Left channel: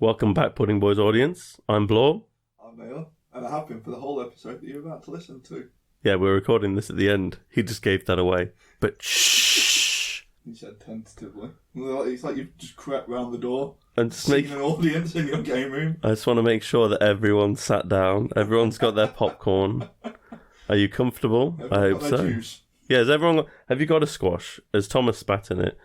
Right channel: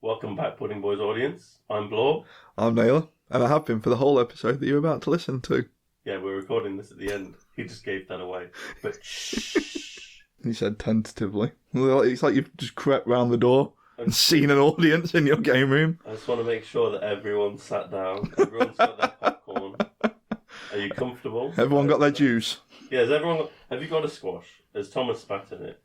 Welcome back, Pudding Boys audience. I'm Blore. I'm Naylor, and I have been for the whole episode that you're about to listen to. Yeah, we're recording this at the end. He just gave that away. But shh. He said tentatively. It's like you've just crept round the door and seen an audience in your game room. I just want to make sure that everyone's sat down. Everyone's got their popcorn. Are you comfortable? Everyone got their juice. Yeah, has everyone got... Have you got a squash? Has Thomas spat in it?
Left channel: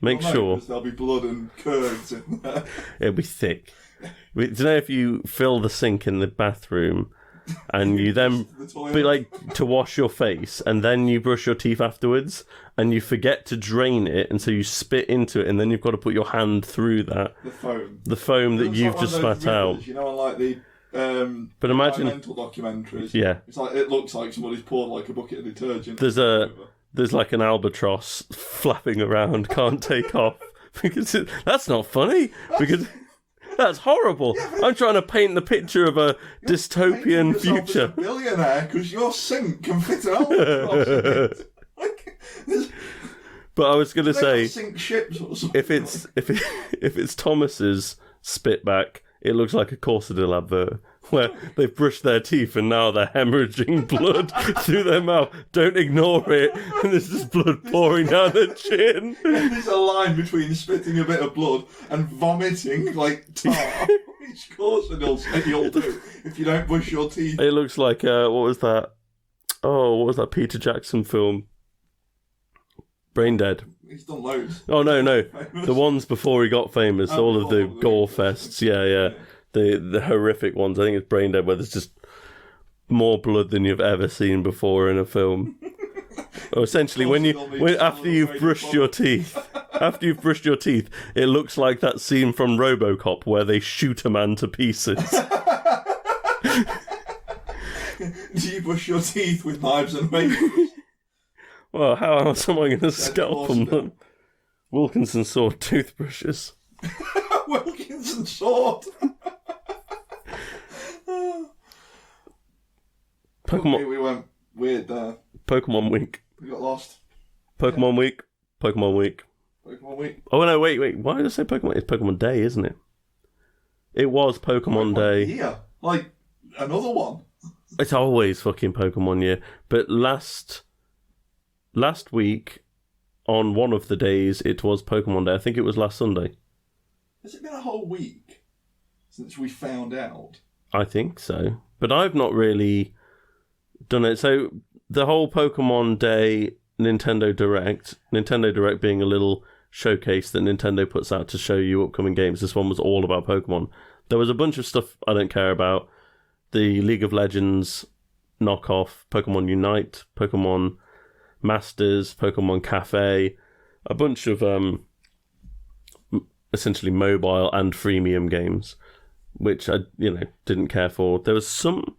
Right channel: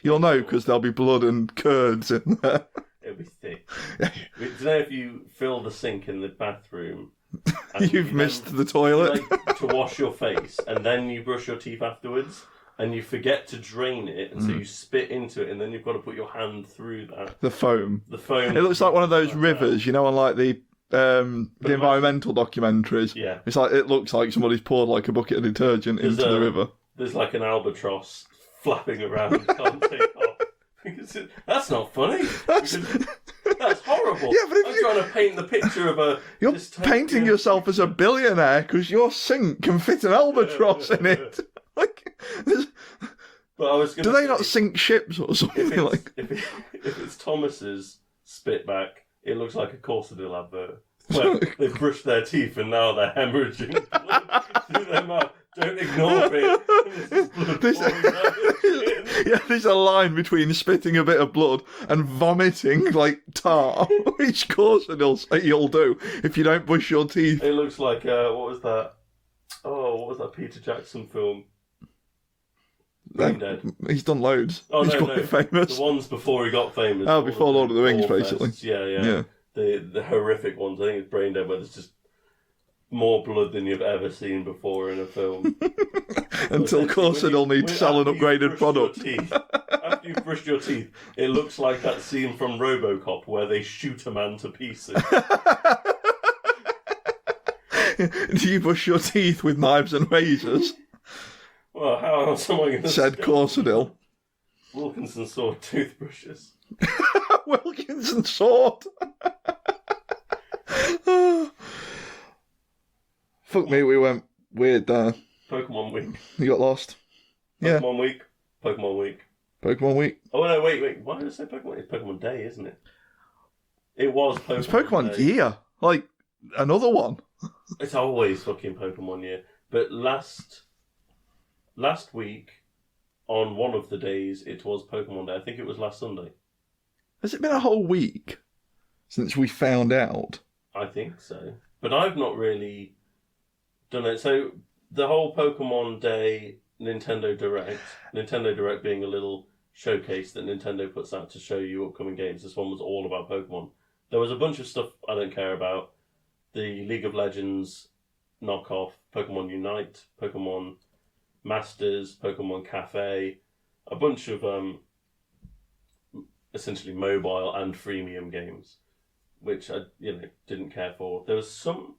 You'll know, because there'll be blood and curds in there. It'll be thick. Do you know if you fill the sink in the bathroom and you then the toilet to wash your face and then you brush your teeth afterwards and you forget to drain it and so you spit into it and then you've got to put your hand through that. The foam. The foam. It looks like one of those rivers, you know, on like the environmental documentaries. Yeah. It's like, it looks like somebody's poured like a bucket of detergent into the river. There's like an albatross flapping around, can't take off. Because that's not funny. Because that's horrible. Yeah, I'm trying to paint the picture of a you're dystopian painting yourself future. as a billionaire because your sink can fit an albatross in it. But I was going to say, do they not sink ships or something? If it's Thomas's spitback, it looks like a Concerto advert. Where they've brushed their teeth and now they're hemorrhaging blood through their mouth. Don't ignore it. And there's just blood pouring down their chin. Yeah, there's a line between spitting a bit of blood and vomiting like tar, which of course you'll do if you don't brush your teeth. It looks like, what was that? Oh, what was that Peter Jackson film? Brain Dead. He's done loads. Oh, no. Famous. The ones before he got famous. All of the Rings, gore fests. Yeah. The horrific ones. I think it's Brain Dead, where there's just more blood than you've ever seen before in a film. Essentially, after you've brushed your teeth, it looks like that scene from RoboCop where they shoot a man to pieces. Do you brush your teeth with knives and razors? Well, how else am I going to scalp them? Wilkinson sword toothbrushes. Wilkinson sword. Pokemon. We went weird there. Pokemon Week. You got lost. Pokemon Week. Pokemon Week. Pokemon Week. Oh no! Wait. Why did I say Pokemon? It's Pokemon Day, isn't it? It was Pokemon Day. Year. Like another one. It's always fucking Pokemon year. But last week, on one of the days, it was Pokemon Day. I think it was last Sunday. Has it been a whole week since we found out? I think so. But I've not really done it. So the whole Pokemon Day Nintendo Direct being a little showcase that Nintendo puts out to show you upcoming games. This one was all about Pokemon. There was a bunch of stuff I don't care about. The League of Legends knockoff, Pokemon Unite, Pokemon Masters, Pokemon Cafe, a bunch of essentially mobile and freemium games, which I didn't care for. There was some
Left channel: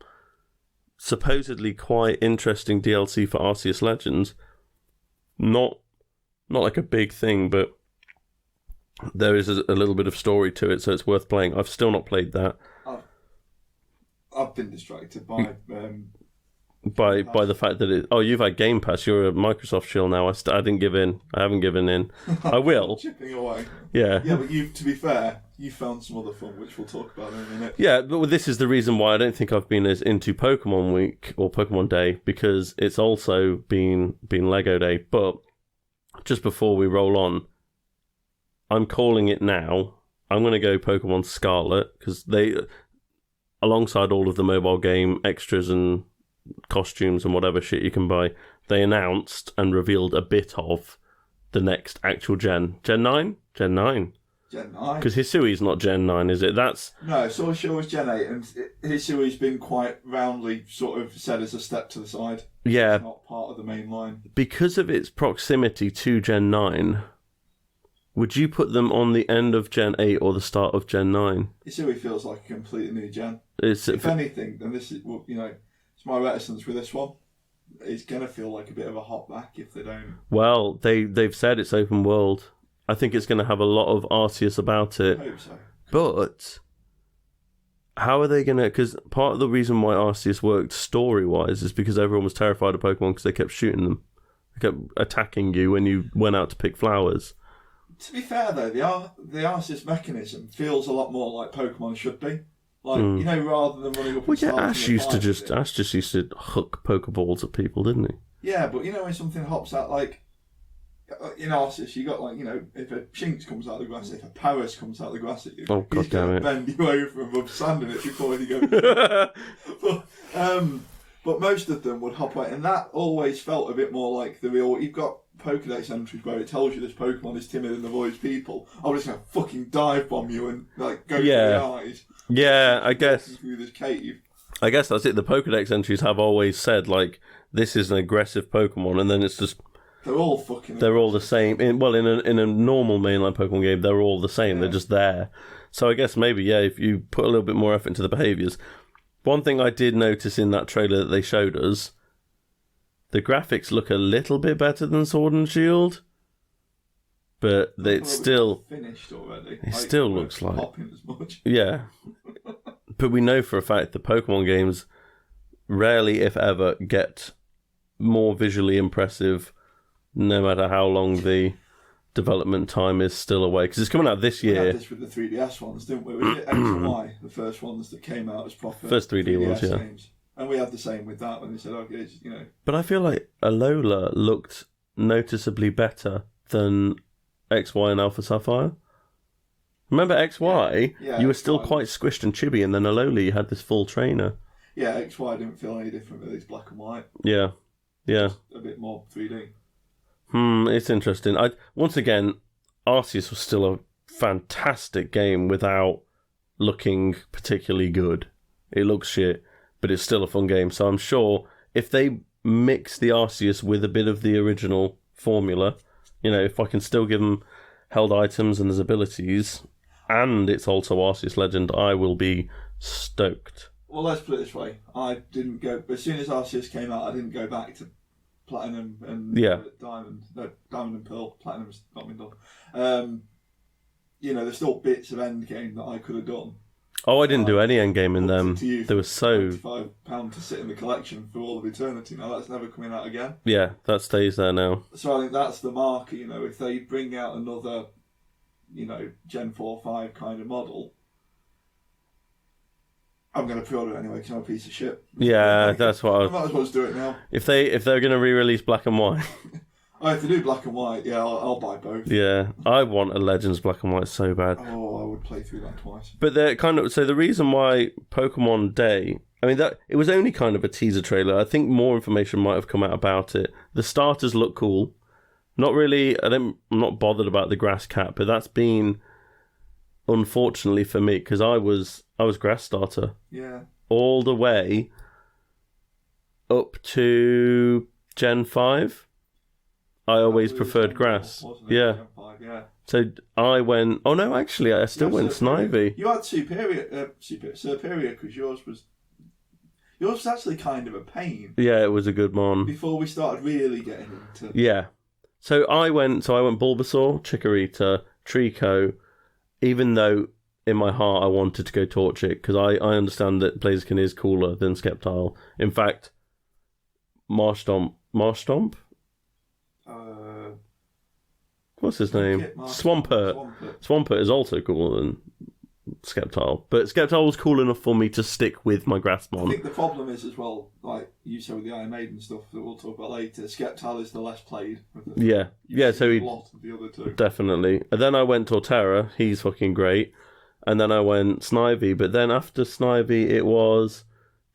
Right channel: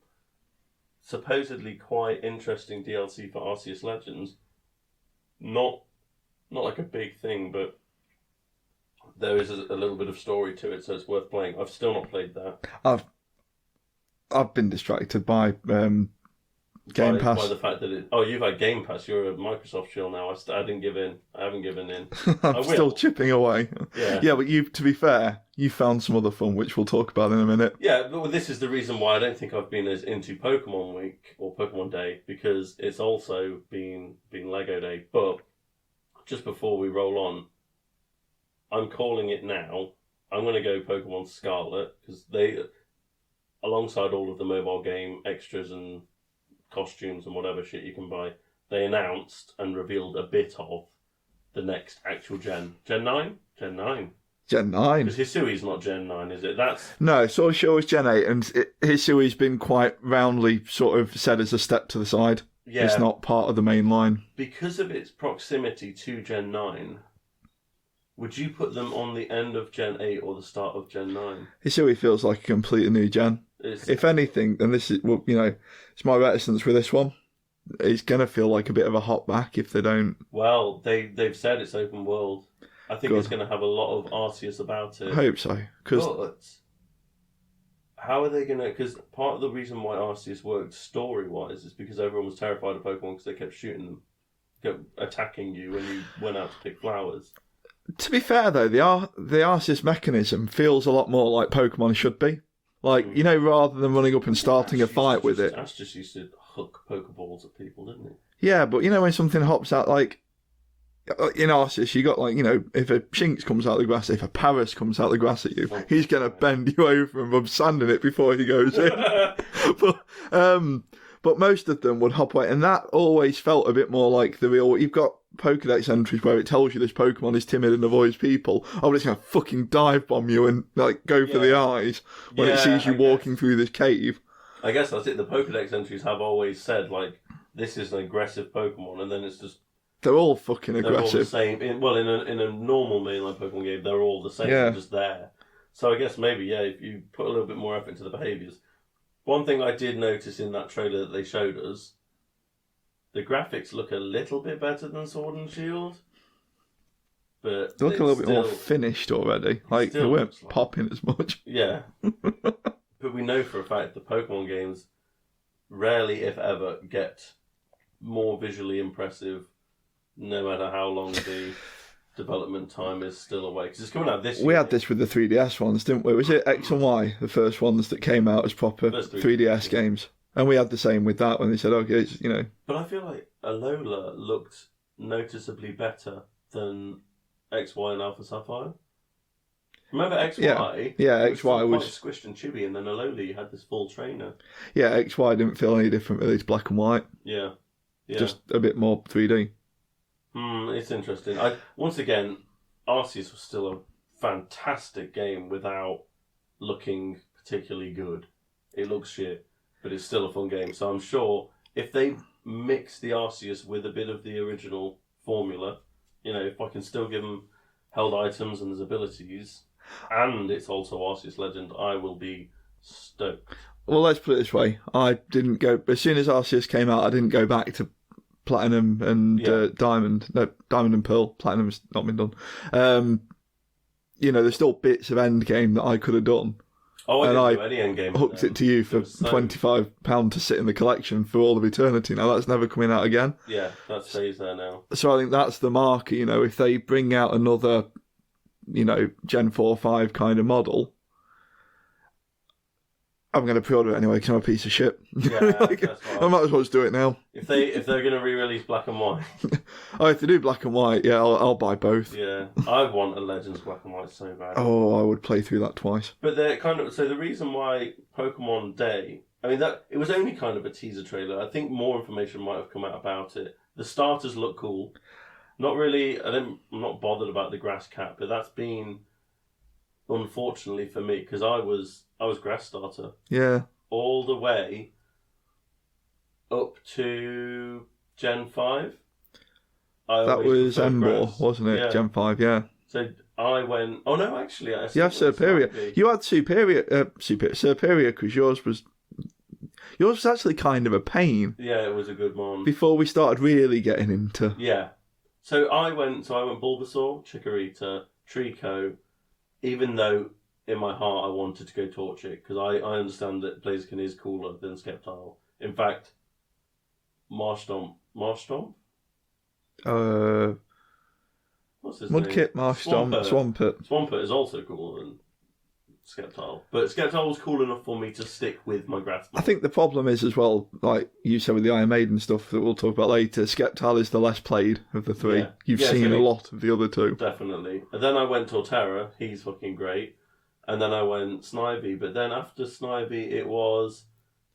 supposedly quite interesting DLC for Arceus Legends. Not like a big thing, but there is a little bit of story to it, so it's worth playing. I've still not played that. I've been distracted by Game Pass. By the fact that you've had Game Pass. You're a Microsoft shill now. I didn't give in. I haven't given in. I'm I will. Still chipping away. Yeah. Yeah, but to be fair, you found some other fun, which we'll talk about in a minute. Yeah, but this is the reason why I don't think I've been as into Pokemon Week or Pokemon Day, because it's also been Lego Day. But just before we roll on, I'm calling it now. I'm going to go Pokemon Scarlet, because they, alongside all of the mobile game extras and costumes and whatever shit you can buy, they announced and revealed a bit of the next actual Gen 9? Gen 9. Gen 9. Because Hisui's not Gen 9, is it? No, it's sort of sure it's Gen 8, and Hisui's been quite roundly sort of said as a step to the side. Yeah. It's not part of the main line. Because of its proximity to Gen 9, would you put them on the end of Gen 8 or the start of Gen 9? Hisui feels like a completely new gen. If anything, and this is, it's my reticence with this one, it's going to feel like a bit of a hop back if they don't. Well, they've said it's open world. I think it's going to have a lot of Arceus about it. I hope so. But how are they going to... Because part of the reason why Arceus worked story-wise is because everyone was terrified of Pokemon because they kept shooting them. They kept attacking you when you went out to pick flowers. To be fair though, the Arceus mechanism feels a lot more like Pokemon should be. Like, you know, rather than running up and starting a fight with it. Ash just used to hook Pokeballs at people, didn't he? Yeah, but you know when something hops out, like in Arceus, you got like, you know, if a Chimps comes out of the grass, if a Paris comes out of the grass at you, he's going to bend you over and rub sand in it before he goes in. But most of them would hop away, and that always felt a bit more like the real. You've got Pokedex entries where it tells you this Pokemon is timid and avoids people. I'm just going to fucking dive bomb you and like go for the eyes when it sees you walking through this cave. I guess that's it. The Pokedex entries have always said like this is an aggressive Pokemon, and then it's just they're all fucking aggressive. They're all the same. In a normal mainline Pokemon game, they're all the same. They're just there. So I guess maybe if you put a little bit more effort into the behaviours. One thing I did notice in that trailer that they showed us, the graphics look a little bit better than Sword and Shield, but they look it's a little still bit more finished already. It still looks like popping as much. Yeah, but we know for a fact that Pokemon games rarely, if ever, get more visually impressive, no matter how long the development time is still away, because it's coming out this year. We had this with the 3DS ones, didn't we? Was it X and Y, the first ones that came out as proper first 3DS games? And we had the same with that when they said, okay, it's, you know. But I feel like Alola looked noticeably better than XY and Alpha Sapphire. Remember XY? Yeah, you were XY still quite squished and chibi, and then Alola, you had this full trainer. Yeah, XY didn't feel any different really. It's black and white. Yeah. Just a bit more 3D. It's interesting. Once again, Arceus was still a fantastic game without looking particularly good. It looks shit, but it's still a fun game. So I'm sure if they mix the Arceus with a bit of the original formula, you know, if I can still give them held items and his abilities, and it's also Arceus Legend, I will be stoked. Well, let's put it this way. I didn't go... As soon as Arceus came out, I didn't go back to Platinum and Diamond. No, Diamond and Pearl. Platinum's not been done. You know, there's still bits of Endgame that I could have done. Oh, I didn't do any Endgame in them. It to you for £25 to sit in the collection for all of eternity. Now, that's never coming out again. Yeah, that stays there now. So I think that's the marker, you know, if they bring out another, you know, Gen 4 5 kind of model, I'm going to pre-order it anyway because I'm a piece of shit. Yeah, that's what I might as well just do it now. If they're going to re-release Black and White. If they do Black and White, yeah, I'll buy both. Yeah, I want a Legends Black and White so bad. Oh, I would play through that twice. But they're so the reason why Pokemon Day, I mean, that it was only kind of a teaser trailer. I think more information might have come out about it. The starters look cool. Not really. I'm not bothered about the grass cat, but that's been, unfortunately for me, because I was grass starter. Yeah. All the way up to Gen 5. I always preferred grass. Wasn't it? Yeah. Gen 5, yeah. So I went... Oh, no, actually, I still went Snivy. You had Superior because yours was actually kind of a pain. Yeah, it was a good one. Before we started really getting into... Yeah. So I went Bulbasaur, Chikorita, Trico, even though in my heart I wanted to go Torchic, because I understand that Blaziken is cooler than Sceptile. In fact, Marshtomp? What's his name? Swampert is also cooler than Sceptile. But Sceptile was cool enough for me to stick with my Grassmon. I think the problem is as well, like you said with the Iron Maiden stuff that we'll talk about later, Sceptile is the less played of the three. Yeah. You've seen a lot of the other two. Definitely. And then I went Torterra, he's fucking great. And then I went Snivy, but then after Snivy it was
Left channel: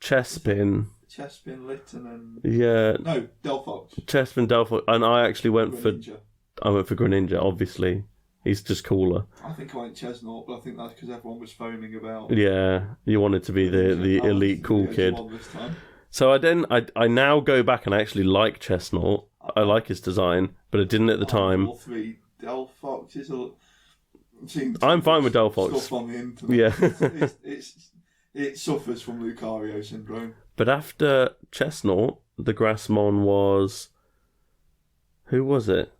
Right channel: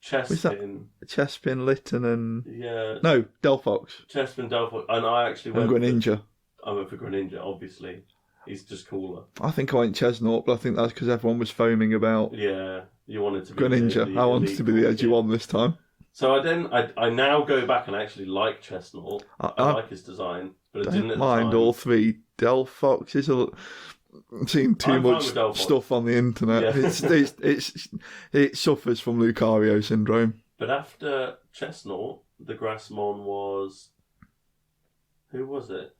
Chespin. Chespin, Litten and... Yeah. No, Delphox. Chespin, Delphox. And I actually went for... Greninja. I went for Greninja, obviously. He's just cooler. I think I went Chestnut, but I think that's because everyone was foaming about... Yeah, you wanted to be the I elite to cool be the edgy kid. one this time. So I now go back and I actually like Chestnut. I like his design, but I didn't at the time. All three. Delphox is a... I'm seeing too much stuff on the internet. Yeah. It suffers from Lucario syndrome. But after Chestnut, the Grassmon was... Who was it?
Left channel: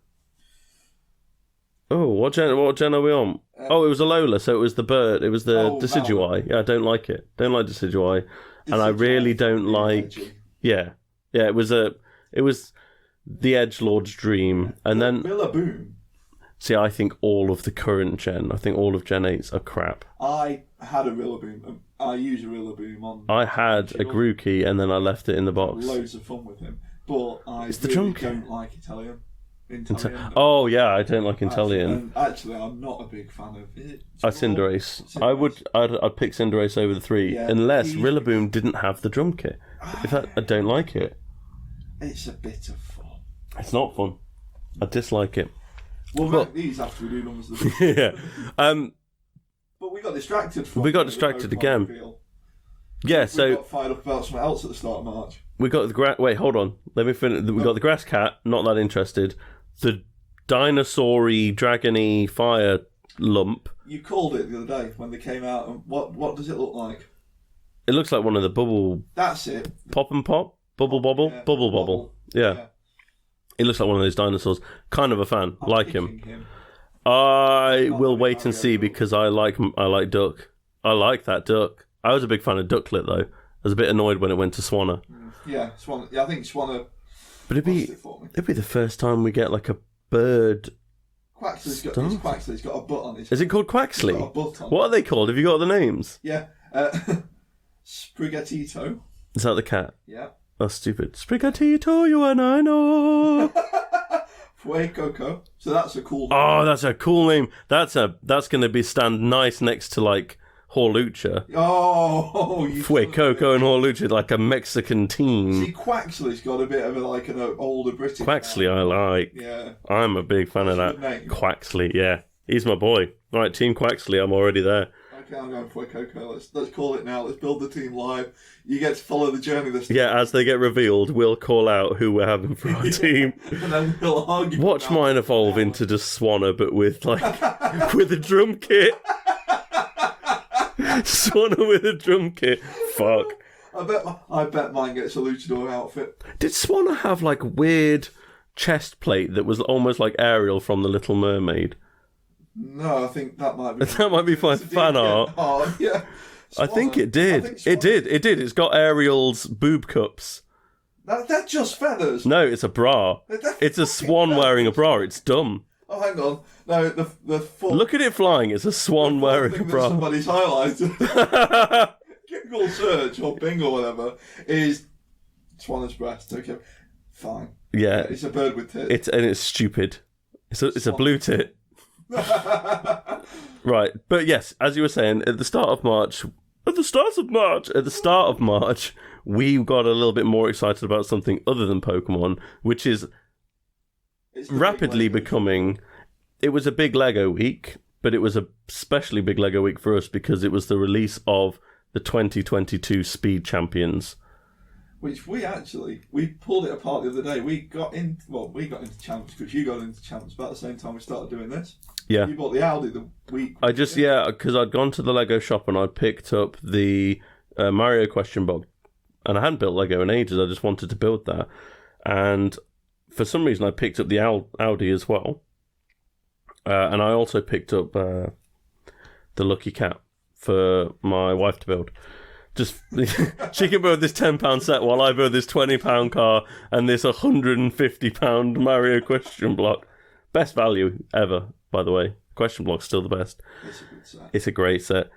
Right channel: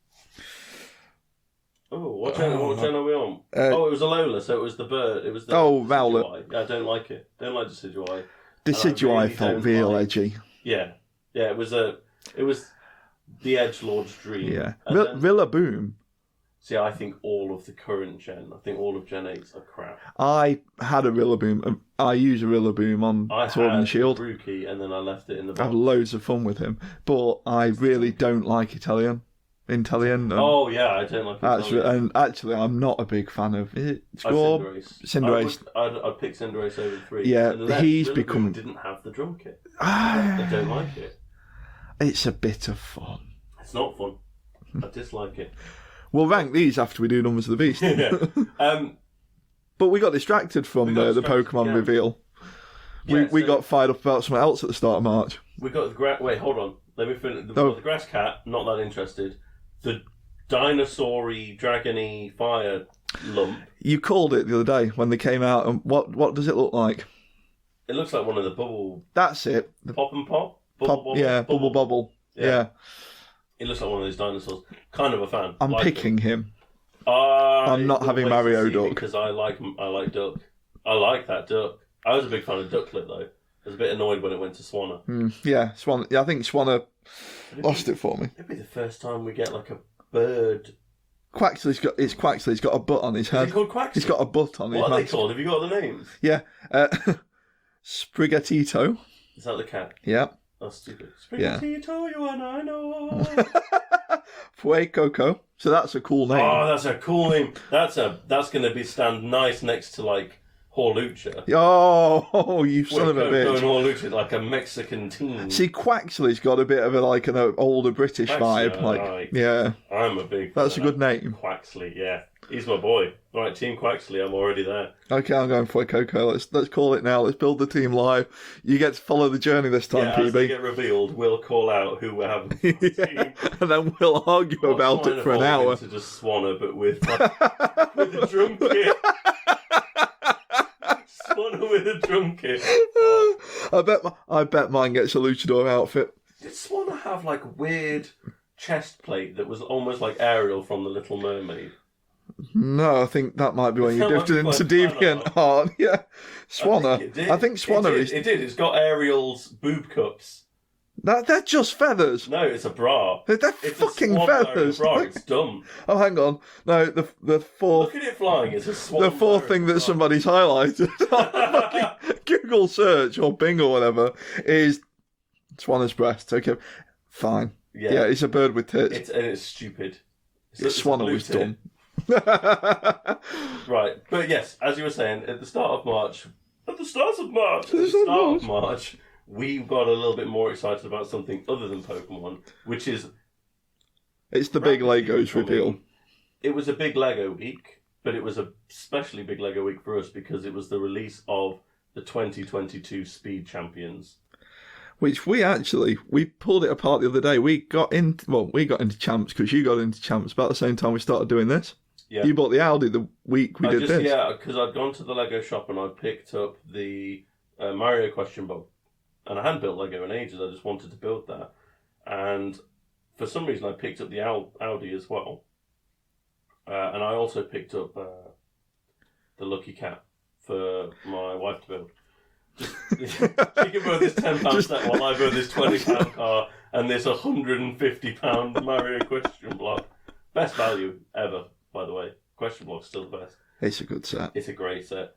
Oh, what gen are we on? It was Alola, so it was the bird. It was the Decidueye. Yeah, I don't like it. Don't like Decidueye. And I really don't like... Edgy. Yeah. Yeah, it was the edgelord's dream. Yeah. And then Rillaboom. See, I think all of the current gen, I think all of Gen 8s are crap. I had a Rillaboom. I use a Rillaboom on I Sword had and a Shield. Grookey and then I left it in the I box. had loads of fun with him, but I really don't like Inteleon. Oh yeah, I don't like Inteleon. And actually, I'm not a big fan of it. Cinderace. I'd pick Cinderace over the 3, unless Rillaboom didn't have the drum kit. I don't like it. It's a bit of fun. It's not fun. I dislike it. We'll rank these after we do Numbers of the Beast. Yeah. But we got distracted from the Pokemon again. reveal. Yeah, we got fired up about something else at the start of March. We got the wait, hold on. Let me finish. We got the grass cat. Not that interested. The dinosaur-y, dragon-y fire lump. You called it the other day when they came out, and what does it look like? It looks like one of the bubble. That's it. Pop and pop. Bubble. Yeah, bubble. Yeah. It looks like one of those dinosaurs. Kind of a fan. I'm like picking him. I not will having wait Mario and see Duck. because I like Duck. I like that Duck. I was a big fan of Ducklet though. I was a bit annoyed when it went to Swanna. Yeah, Swanna. Yeah, I think Swanna lost it for me. It'd be the first time we get like a bird. Quaxly's got Quaxly's got a butt on his head. Is it called Quaxly? He's got a butt on. What are they called? Have you got the names? Yeah, Spigatito. Is that the cat? Yeah. That's stupid. Spigatito, you and I know. Fuecoco. So that's a cool name. Oh, that's a cool name. That's going to be stand nice next to like Horlucha. Oh, you son of a bitch. Fuecoco and Horlucha, like a Mexican team. See, Quaxly's got a bit of an older British Quaxly, vibe. I like. Yeah. I'm a big fan of that. That's a good name. Quaxly, yeah. He's my boy. Right, Team Quaxly, I'm already there. Okay, I'm going Fuecoco. Let's call it now. Let's build the team live. You get to follow the journey this time. Yeah, as they get revealed, we'll call out who we're having for our team. And then we'll argue Watch about mine it for an evolve hour. into just Swanna, but with with a drum kit. Swanna with a drum kit. Fuck. I bet mine gets a luchador outfit. Did Swanna have like weird chest plate that was almost like Ariel from The Little Mermaid? No, I think that might be when That you might be get into deep fan art. Oh, yeah. I think it did. I think Swanna It did. It's got Ariel's boob cups. They're just feathers. No, it's a bra. It's a swan wearing a bra. It's dumb. Oh, hang on. No, the fourth... Look at it flying. It's a swan the wearing fourth thing a that bra. somebody's highlighted, Google search or Bing or whatever, is Swanna's breast. Okay, fine. Yeah, it's a bird with tits. It's stupid. It's a blue tit. Right, but yes, as you were saying, at the start of March, we got a little bit more excited about something other than Pokemon, which is it's the rapidly big Legos becoming. reveal. It was a big Lego week, but it was a especially big Lego week for us because it was the release of the 2022 Speed Champions. Which we pulled it apart the other day. We got into Champs because you got into Champs about the same time we started doing this. Yeah. You bought the Audi the week we did this. Yeah, because I'd gone to the Lego shop and I'd picked up the Mario question book. And I hadn't built Lego in ages, I just wanted to build that. And for some reason I picked up the Audi as well. And I also picked up the Lucky Cat for my wife to build. Just she can build this £10 set while I build this £20 car and this £150 Mario question block. Best value ever, by the way. Question block's still the best. It's a good set. It's a great set.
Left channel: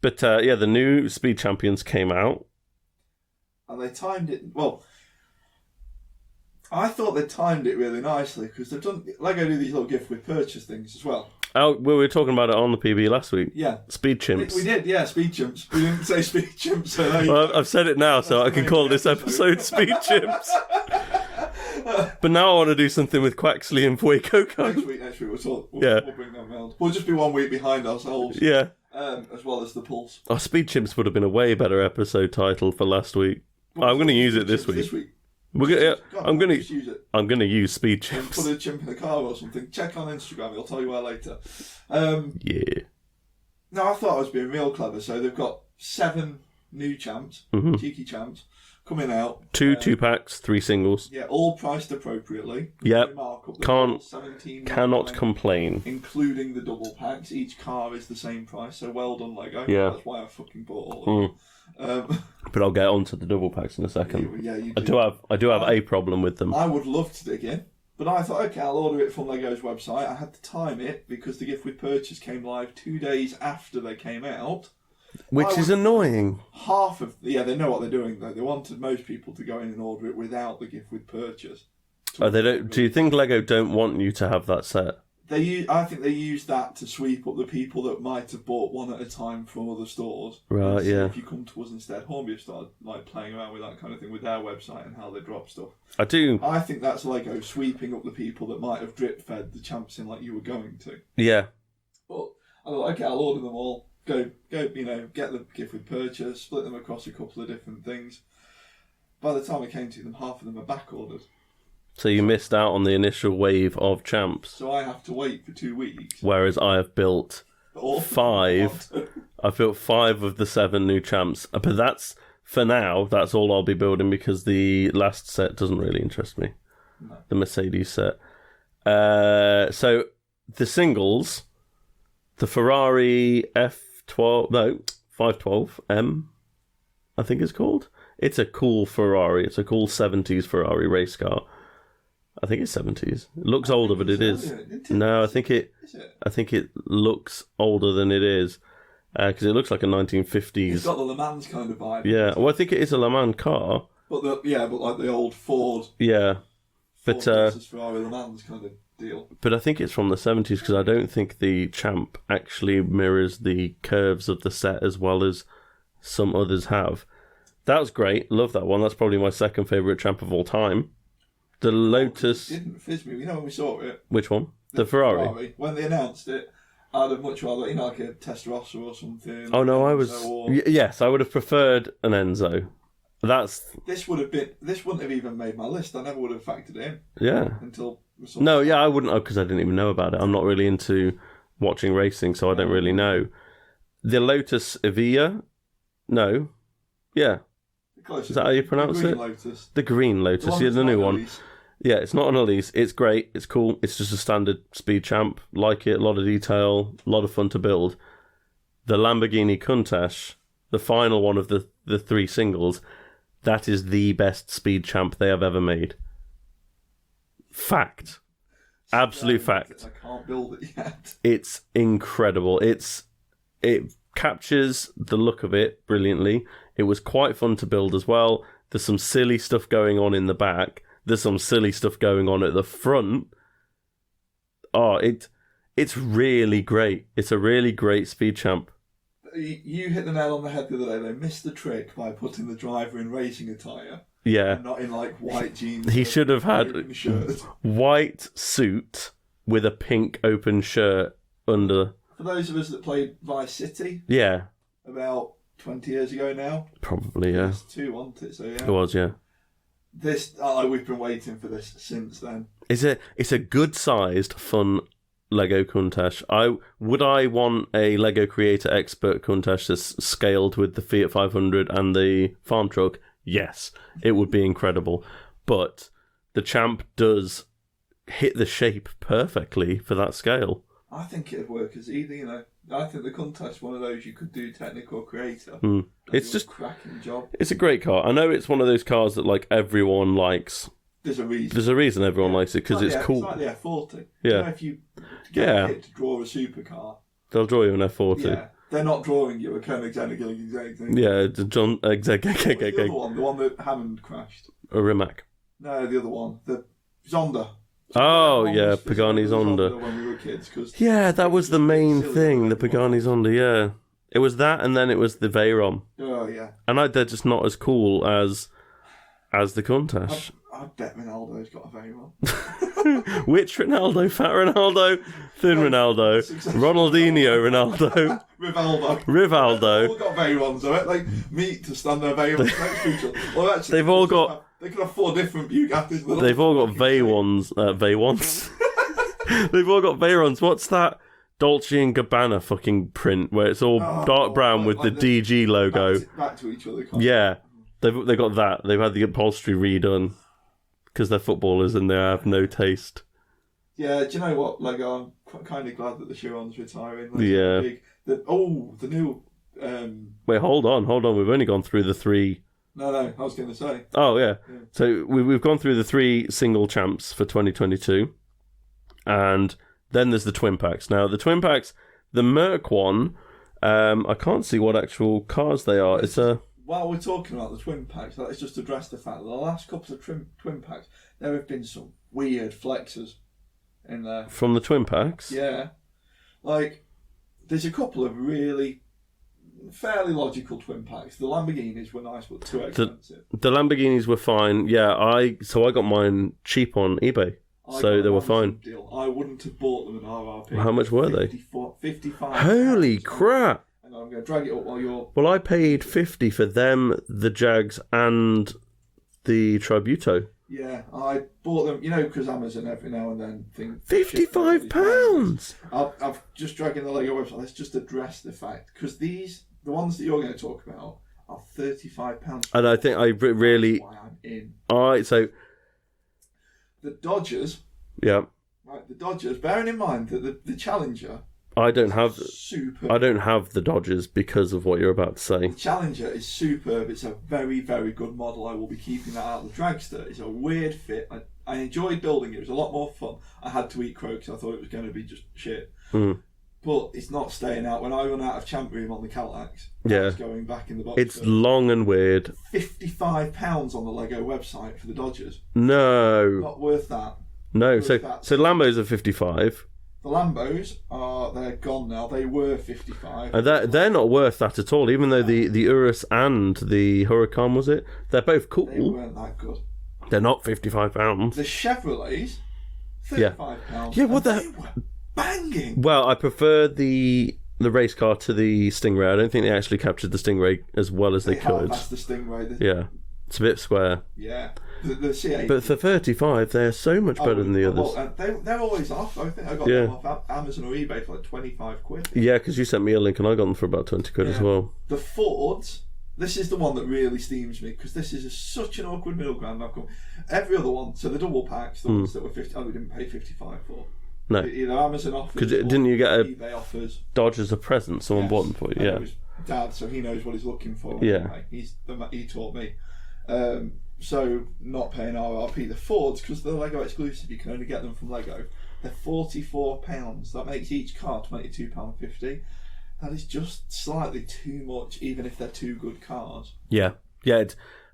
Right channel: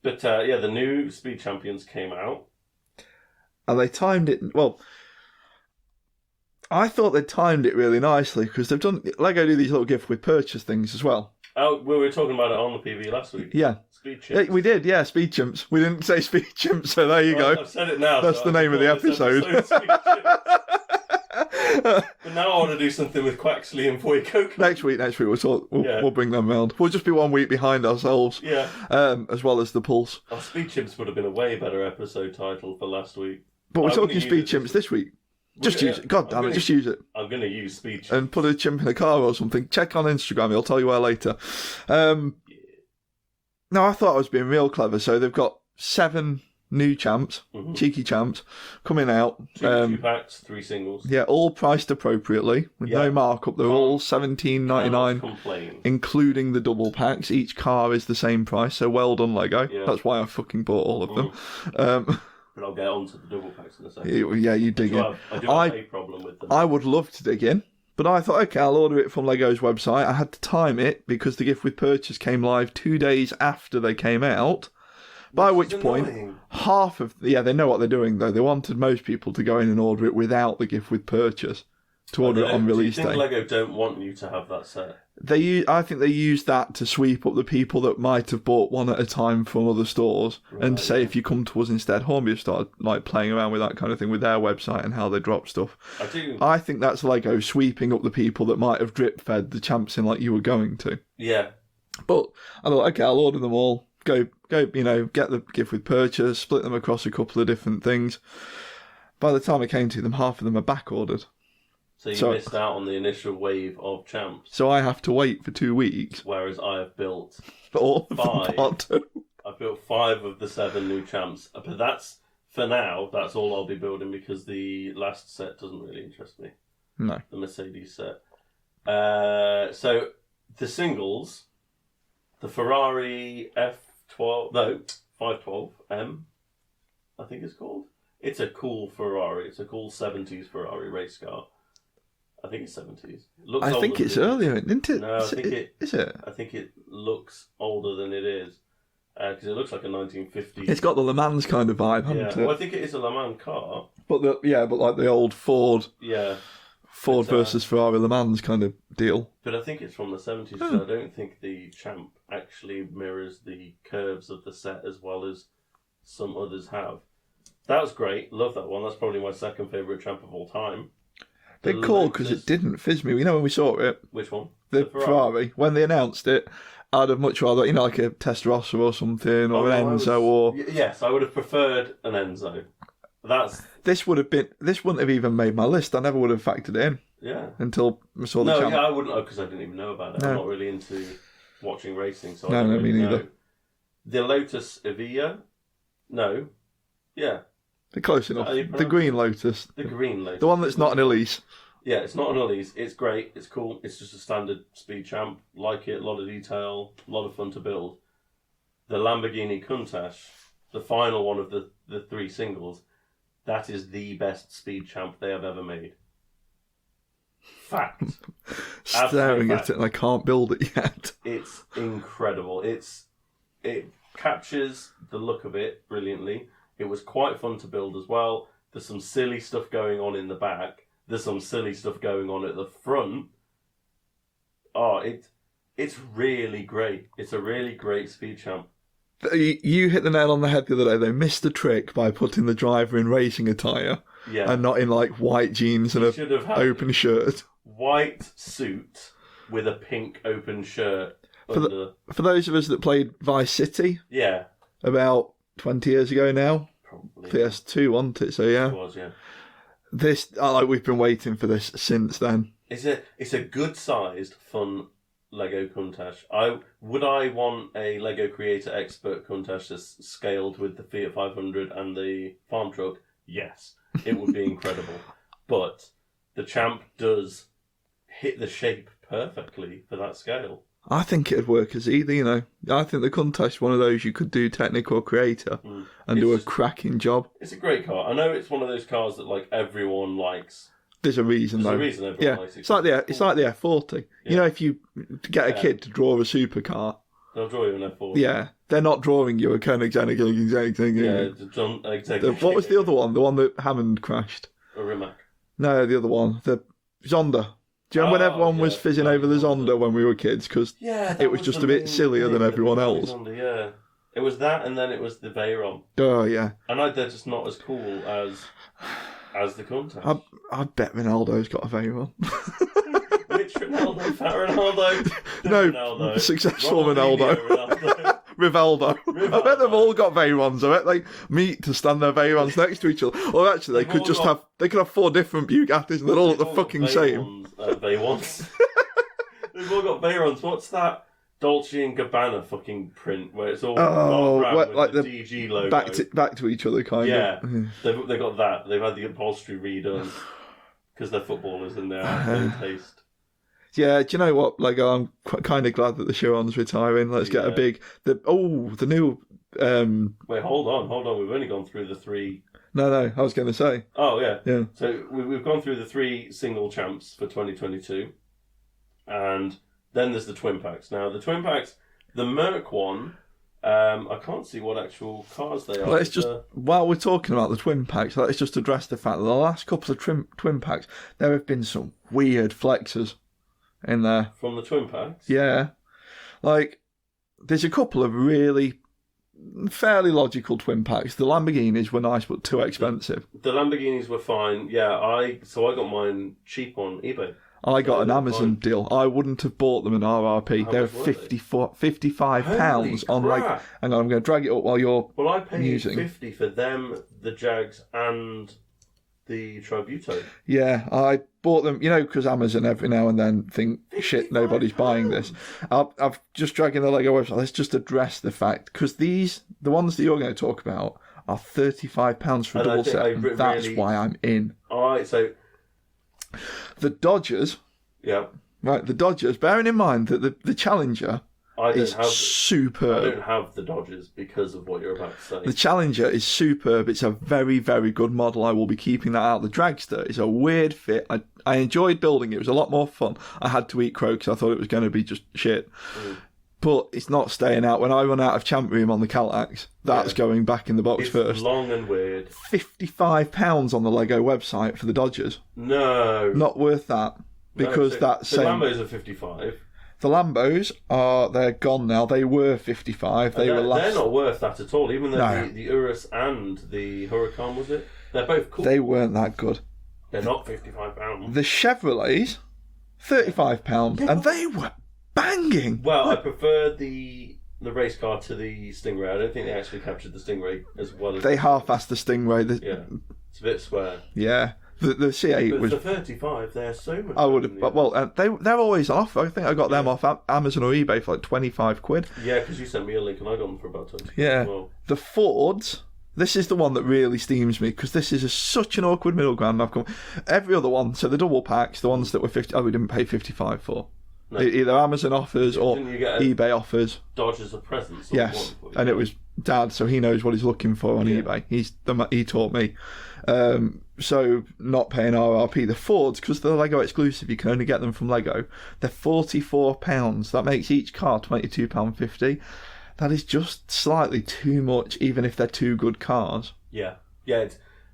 But the new Speed Champions came out. And they timed it. Well, I thought they timed it really nicely because Lego do these little gift with purchase things as well. Oh, we were talking about it on the PB last week. Yeah. Speed Chimps. We did, yeah, Speed Chimps. We didn't say Speed Chimps, so there you go. I've said it now, so I can call this episode Speed Chimps. But now I want to do something with Quaxly and Fuecoco. Next week we'll bring them round. We'll just be 1 week behind ourselves. Yeah. As well as the Pulse. Oh, Speed Chimps would have been a way better episode title for last week. But I'm going to use it this week. Just use it. I'm going to use Speed Chimps. And put a chimp in a car or something. Check on Instagram, he'll tell you where later. Yeah. No, I thought I was being real clever. So they've got 7 new champs, cheeky champs, coming out. 2 packs, 3 singles. Yeah, all priced appropriately, with no markup. They're all $17.99. Cannot complain. Including the double packs. Each car is the same price, so well done, Lego. Yeah. That's why I fucking bought all of them. But I'll get onto the double packs in a second. Yeah, you do. I do have a problem with them. I would love to dig in, But I thought, okay, I'll order it from Lego's website. I had to time it because the gift with purchase came live 2 days after they came out. Which is annoying. Half of... Yeah, they know what they're doing, though. They wanted most people to go in and order it without the gift with purchase. Do you think Lego don't want you to have that set? I think they use that to sweep up the people that might have bought one at a time from other stores, and say if you come to us instead. Hornby have started like playing around with that kind of thing with their website and how they drop stuff. I think that's Lego sweeping up the people that might have drip fed the champs in like you were going to. Yeah, but I thought, okay, I'll order them all. Go. Get the gift with purchase. Split them across a couple of different things. By the time I came to them, half of them are back ordered. So you missed out on the initial wave of champs. So I have to wait for 2 weeks. Whereas I have built 5. I've built 5 of the 7 new champs. But that's, for now, that's all I'll be building because the last set doesn't really interest me. No. The Mercedes set. So the singles, the Ferrari F12, no, 512M, I think it's called. It's a cool Ferrari. It's a cool 70s Ferrari race car. I think it's 70s. It looks older than it is. Earlier, isn't it? No, I think it is it. I think it looks older than it is because it looks like a 1950s. It's got the Le Mans kind of vibe. Yeah, well, I think it is a Le Mans car. But like the old Ford. Yeah, Ford versus Ferrari Le Mans kind of deal. But I think it's from the 70s because I don't think the Champ actually mirrors the curves of the set as well as some others have. That was great. Love that one. That's probably my second favourite Champ of all time. The Lotus, because it didn't fizz me. You know when we saw it? Which one? The Ferrari. When they announced it, I'd have much rather, like a Testarossa or something, or Enzo, Yes, I would have preferred an Enzo. This wouldn't have even made my list. I never would have factored it in. Yeah. Until I saw the Champ. I wouldn't have because I didn't even know about it. No. I'm not really into watching racing, so I don't really know. Either. The Lotus Evija? No. Yeah. The closest. Is that how you pronounce the green it? Lotus. The green Lotus. The one that's not an Elise. Yeah, it's not an Elise. It's great. It's cool. It's just a standard speed champ. Like it. A lot of detail. A lot of fun to build. The Lamborghini Countach, the final one of the 3 singles, that is the best speed champ they have ever made. Fact. Absolute fact. At it and I can't build it yet. It's incredible. It captures the look of it brilliantly. It was quite fun to build as well. There's some silly stuff going on in the back. There's some silly stuff going on at the front. Oh, it's really great. It's a really great speed champ. You hit the nail on the head the other day. They missed the trick by putting the driver in racing attire. Yeah. And not in like white jeans he should have had open shirt. White suit with a pink open shirt under. For those of us that played Vice City. Yeah. About 20 years ago now. Probably, yeah. PS2, wasn't it? So, yeah. It was, yeah. We've been waiting for this since then. It's a good-sized, fun Lego Countach. Would I want a Lego Creator Expert Countach that's scaled with the Fiat 500 and the farm truck? Yes. It would be incredible. But the Champ does hit the shape perfectly for that scale. I think it'd work as either, I think the Countach is one of those you could do technical or creator and do a cracking job. It's a great car. I know it's one of those cars that like everyone likes. There's a reason. There's a reason everyone likes it because it's cool. It's like the F40. Yeah. If you get a kid to draw a supercar, they'll draw you an F40. Yeah. They're not drawing you a Koenigsegg. Yeah, John exactly. What was the other one? The one that Hammond crashed. A Rimac. No, the other one. The Zonda. Do you remember when everyone was fizzing over the Zonda when we were kids? Cause that was just the main thing. The Pagani Zonda, yeah. It was that, and then it was the Veyron. Oh, yeah. And they're just not as cool as the Countach. I bet Ronaldo's got a Veyron. Which Ronaldo? Fat Ronaldo? Thin Ronaldo? Ronaldinho Ronaldo? Rivaldo. I bet they've all got Veyrons, I bet they meet to stand their Veyrons next to each other. Well, actually, they could have 4 different Bugattis and they've all got Veyrons. They've all got Veyrons. What's that Dolce & Gabbana fucking print where it's all dark brown with like the DG logo? Back to each other, kind of. Yeah, they've got that. They've had the upholstery redone because they're footballers and they have no taste. Yeah, do you know what? Like, I'm kind of glad that the Chiron's retiring. Let's get a big... the new... Wait, hold on. We've only gone through the 3 No, I was going to say. Oh, yeah. Yeah. So we've gone through the 3 single champs for 2022. And then there's the twin packs. Now, the twin packs, the Merc one, I can't see what actual cars they are. While we're talking about the twin packs, let's just address the fact that the last couple of twin packs, there have been some weird flexes in there. From the twin packs? Yeah. Like, there's a couple of really fairly logical twin packs. The Lamborghinis were nice but too expensive. The Lamborghinis were fine. Yeah, I got mine cheap on eBay. I got an Amazon deal. I wouldn't have bought them in RRP. How much were they? £55. Holy crap! Hang on, I'm going to drag it up while you're. Well, I paid musing. 50 for them, the Jags, and the Tributo. Yeah, I bought them, because Amazon every now and then think, shit, nobody's buying this. I've just dragging the Lego website. Let's just address the fact, because the ones that you're going to talk about are £35 for and I think I really. That's why I'm in. All right, so. The Dodgers. Yeah. Right, the Dodgers, bearing in mind that the Challenger superb. I don't have the Dodgers because of what you're about to say. The Challenger is superb. It's a very, very good model. I will be keeping that out. The Dragster is a weird fit. I enjoyed building it. It was a lot more fun. I had to eat crow because I thought it was going to be just shit. But it's not staying out. When I run out of champ room on the countach, that's going back in the box first. It's long and weird. £55 on the Lego website for the Dodgers. No. Not worth that. No, so Lambos are 55. The Lambos they're gone now. They were 55. They're not worth that at all, even though the Urus and the Huracan, was it? They're both cool. They weren't that good. They're not £55. The Chevrolets, £35. Yeah, well, they were banging. Well, I prefer the race car to the Stingray. I don't think they actually captured the Stingray as well as they could. They half-assed the Stingray. Yeah, it's a bit square. Yeah. The C8 but for 35, they're so much better than the others. Well, they're always off. I think I got them off Amazon or eBay for like 25 quid. Yeah, because you sent me a link and I got them for about 20 quid as well. The Fords, this is the one that really steams me because this is such an awkward middle ground. Every other one, so the double packs, the ones that were 50, we didn't pay 55 for. No. Either Amazon offers or didn't you get eBay offers. Dodge as a present, someone bought them for you. And it was Dad, so he knows what he's looking for on eBay. He taught me. So not paying RRP. The Fords, because they're Lego exclusive, you can only get them from Lego. They're £44. That makes each car £22.50. That is just slightly too much, even if they're two good cars. Yeah,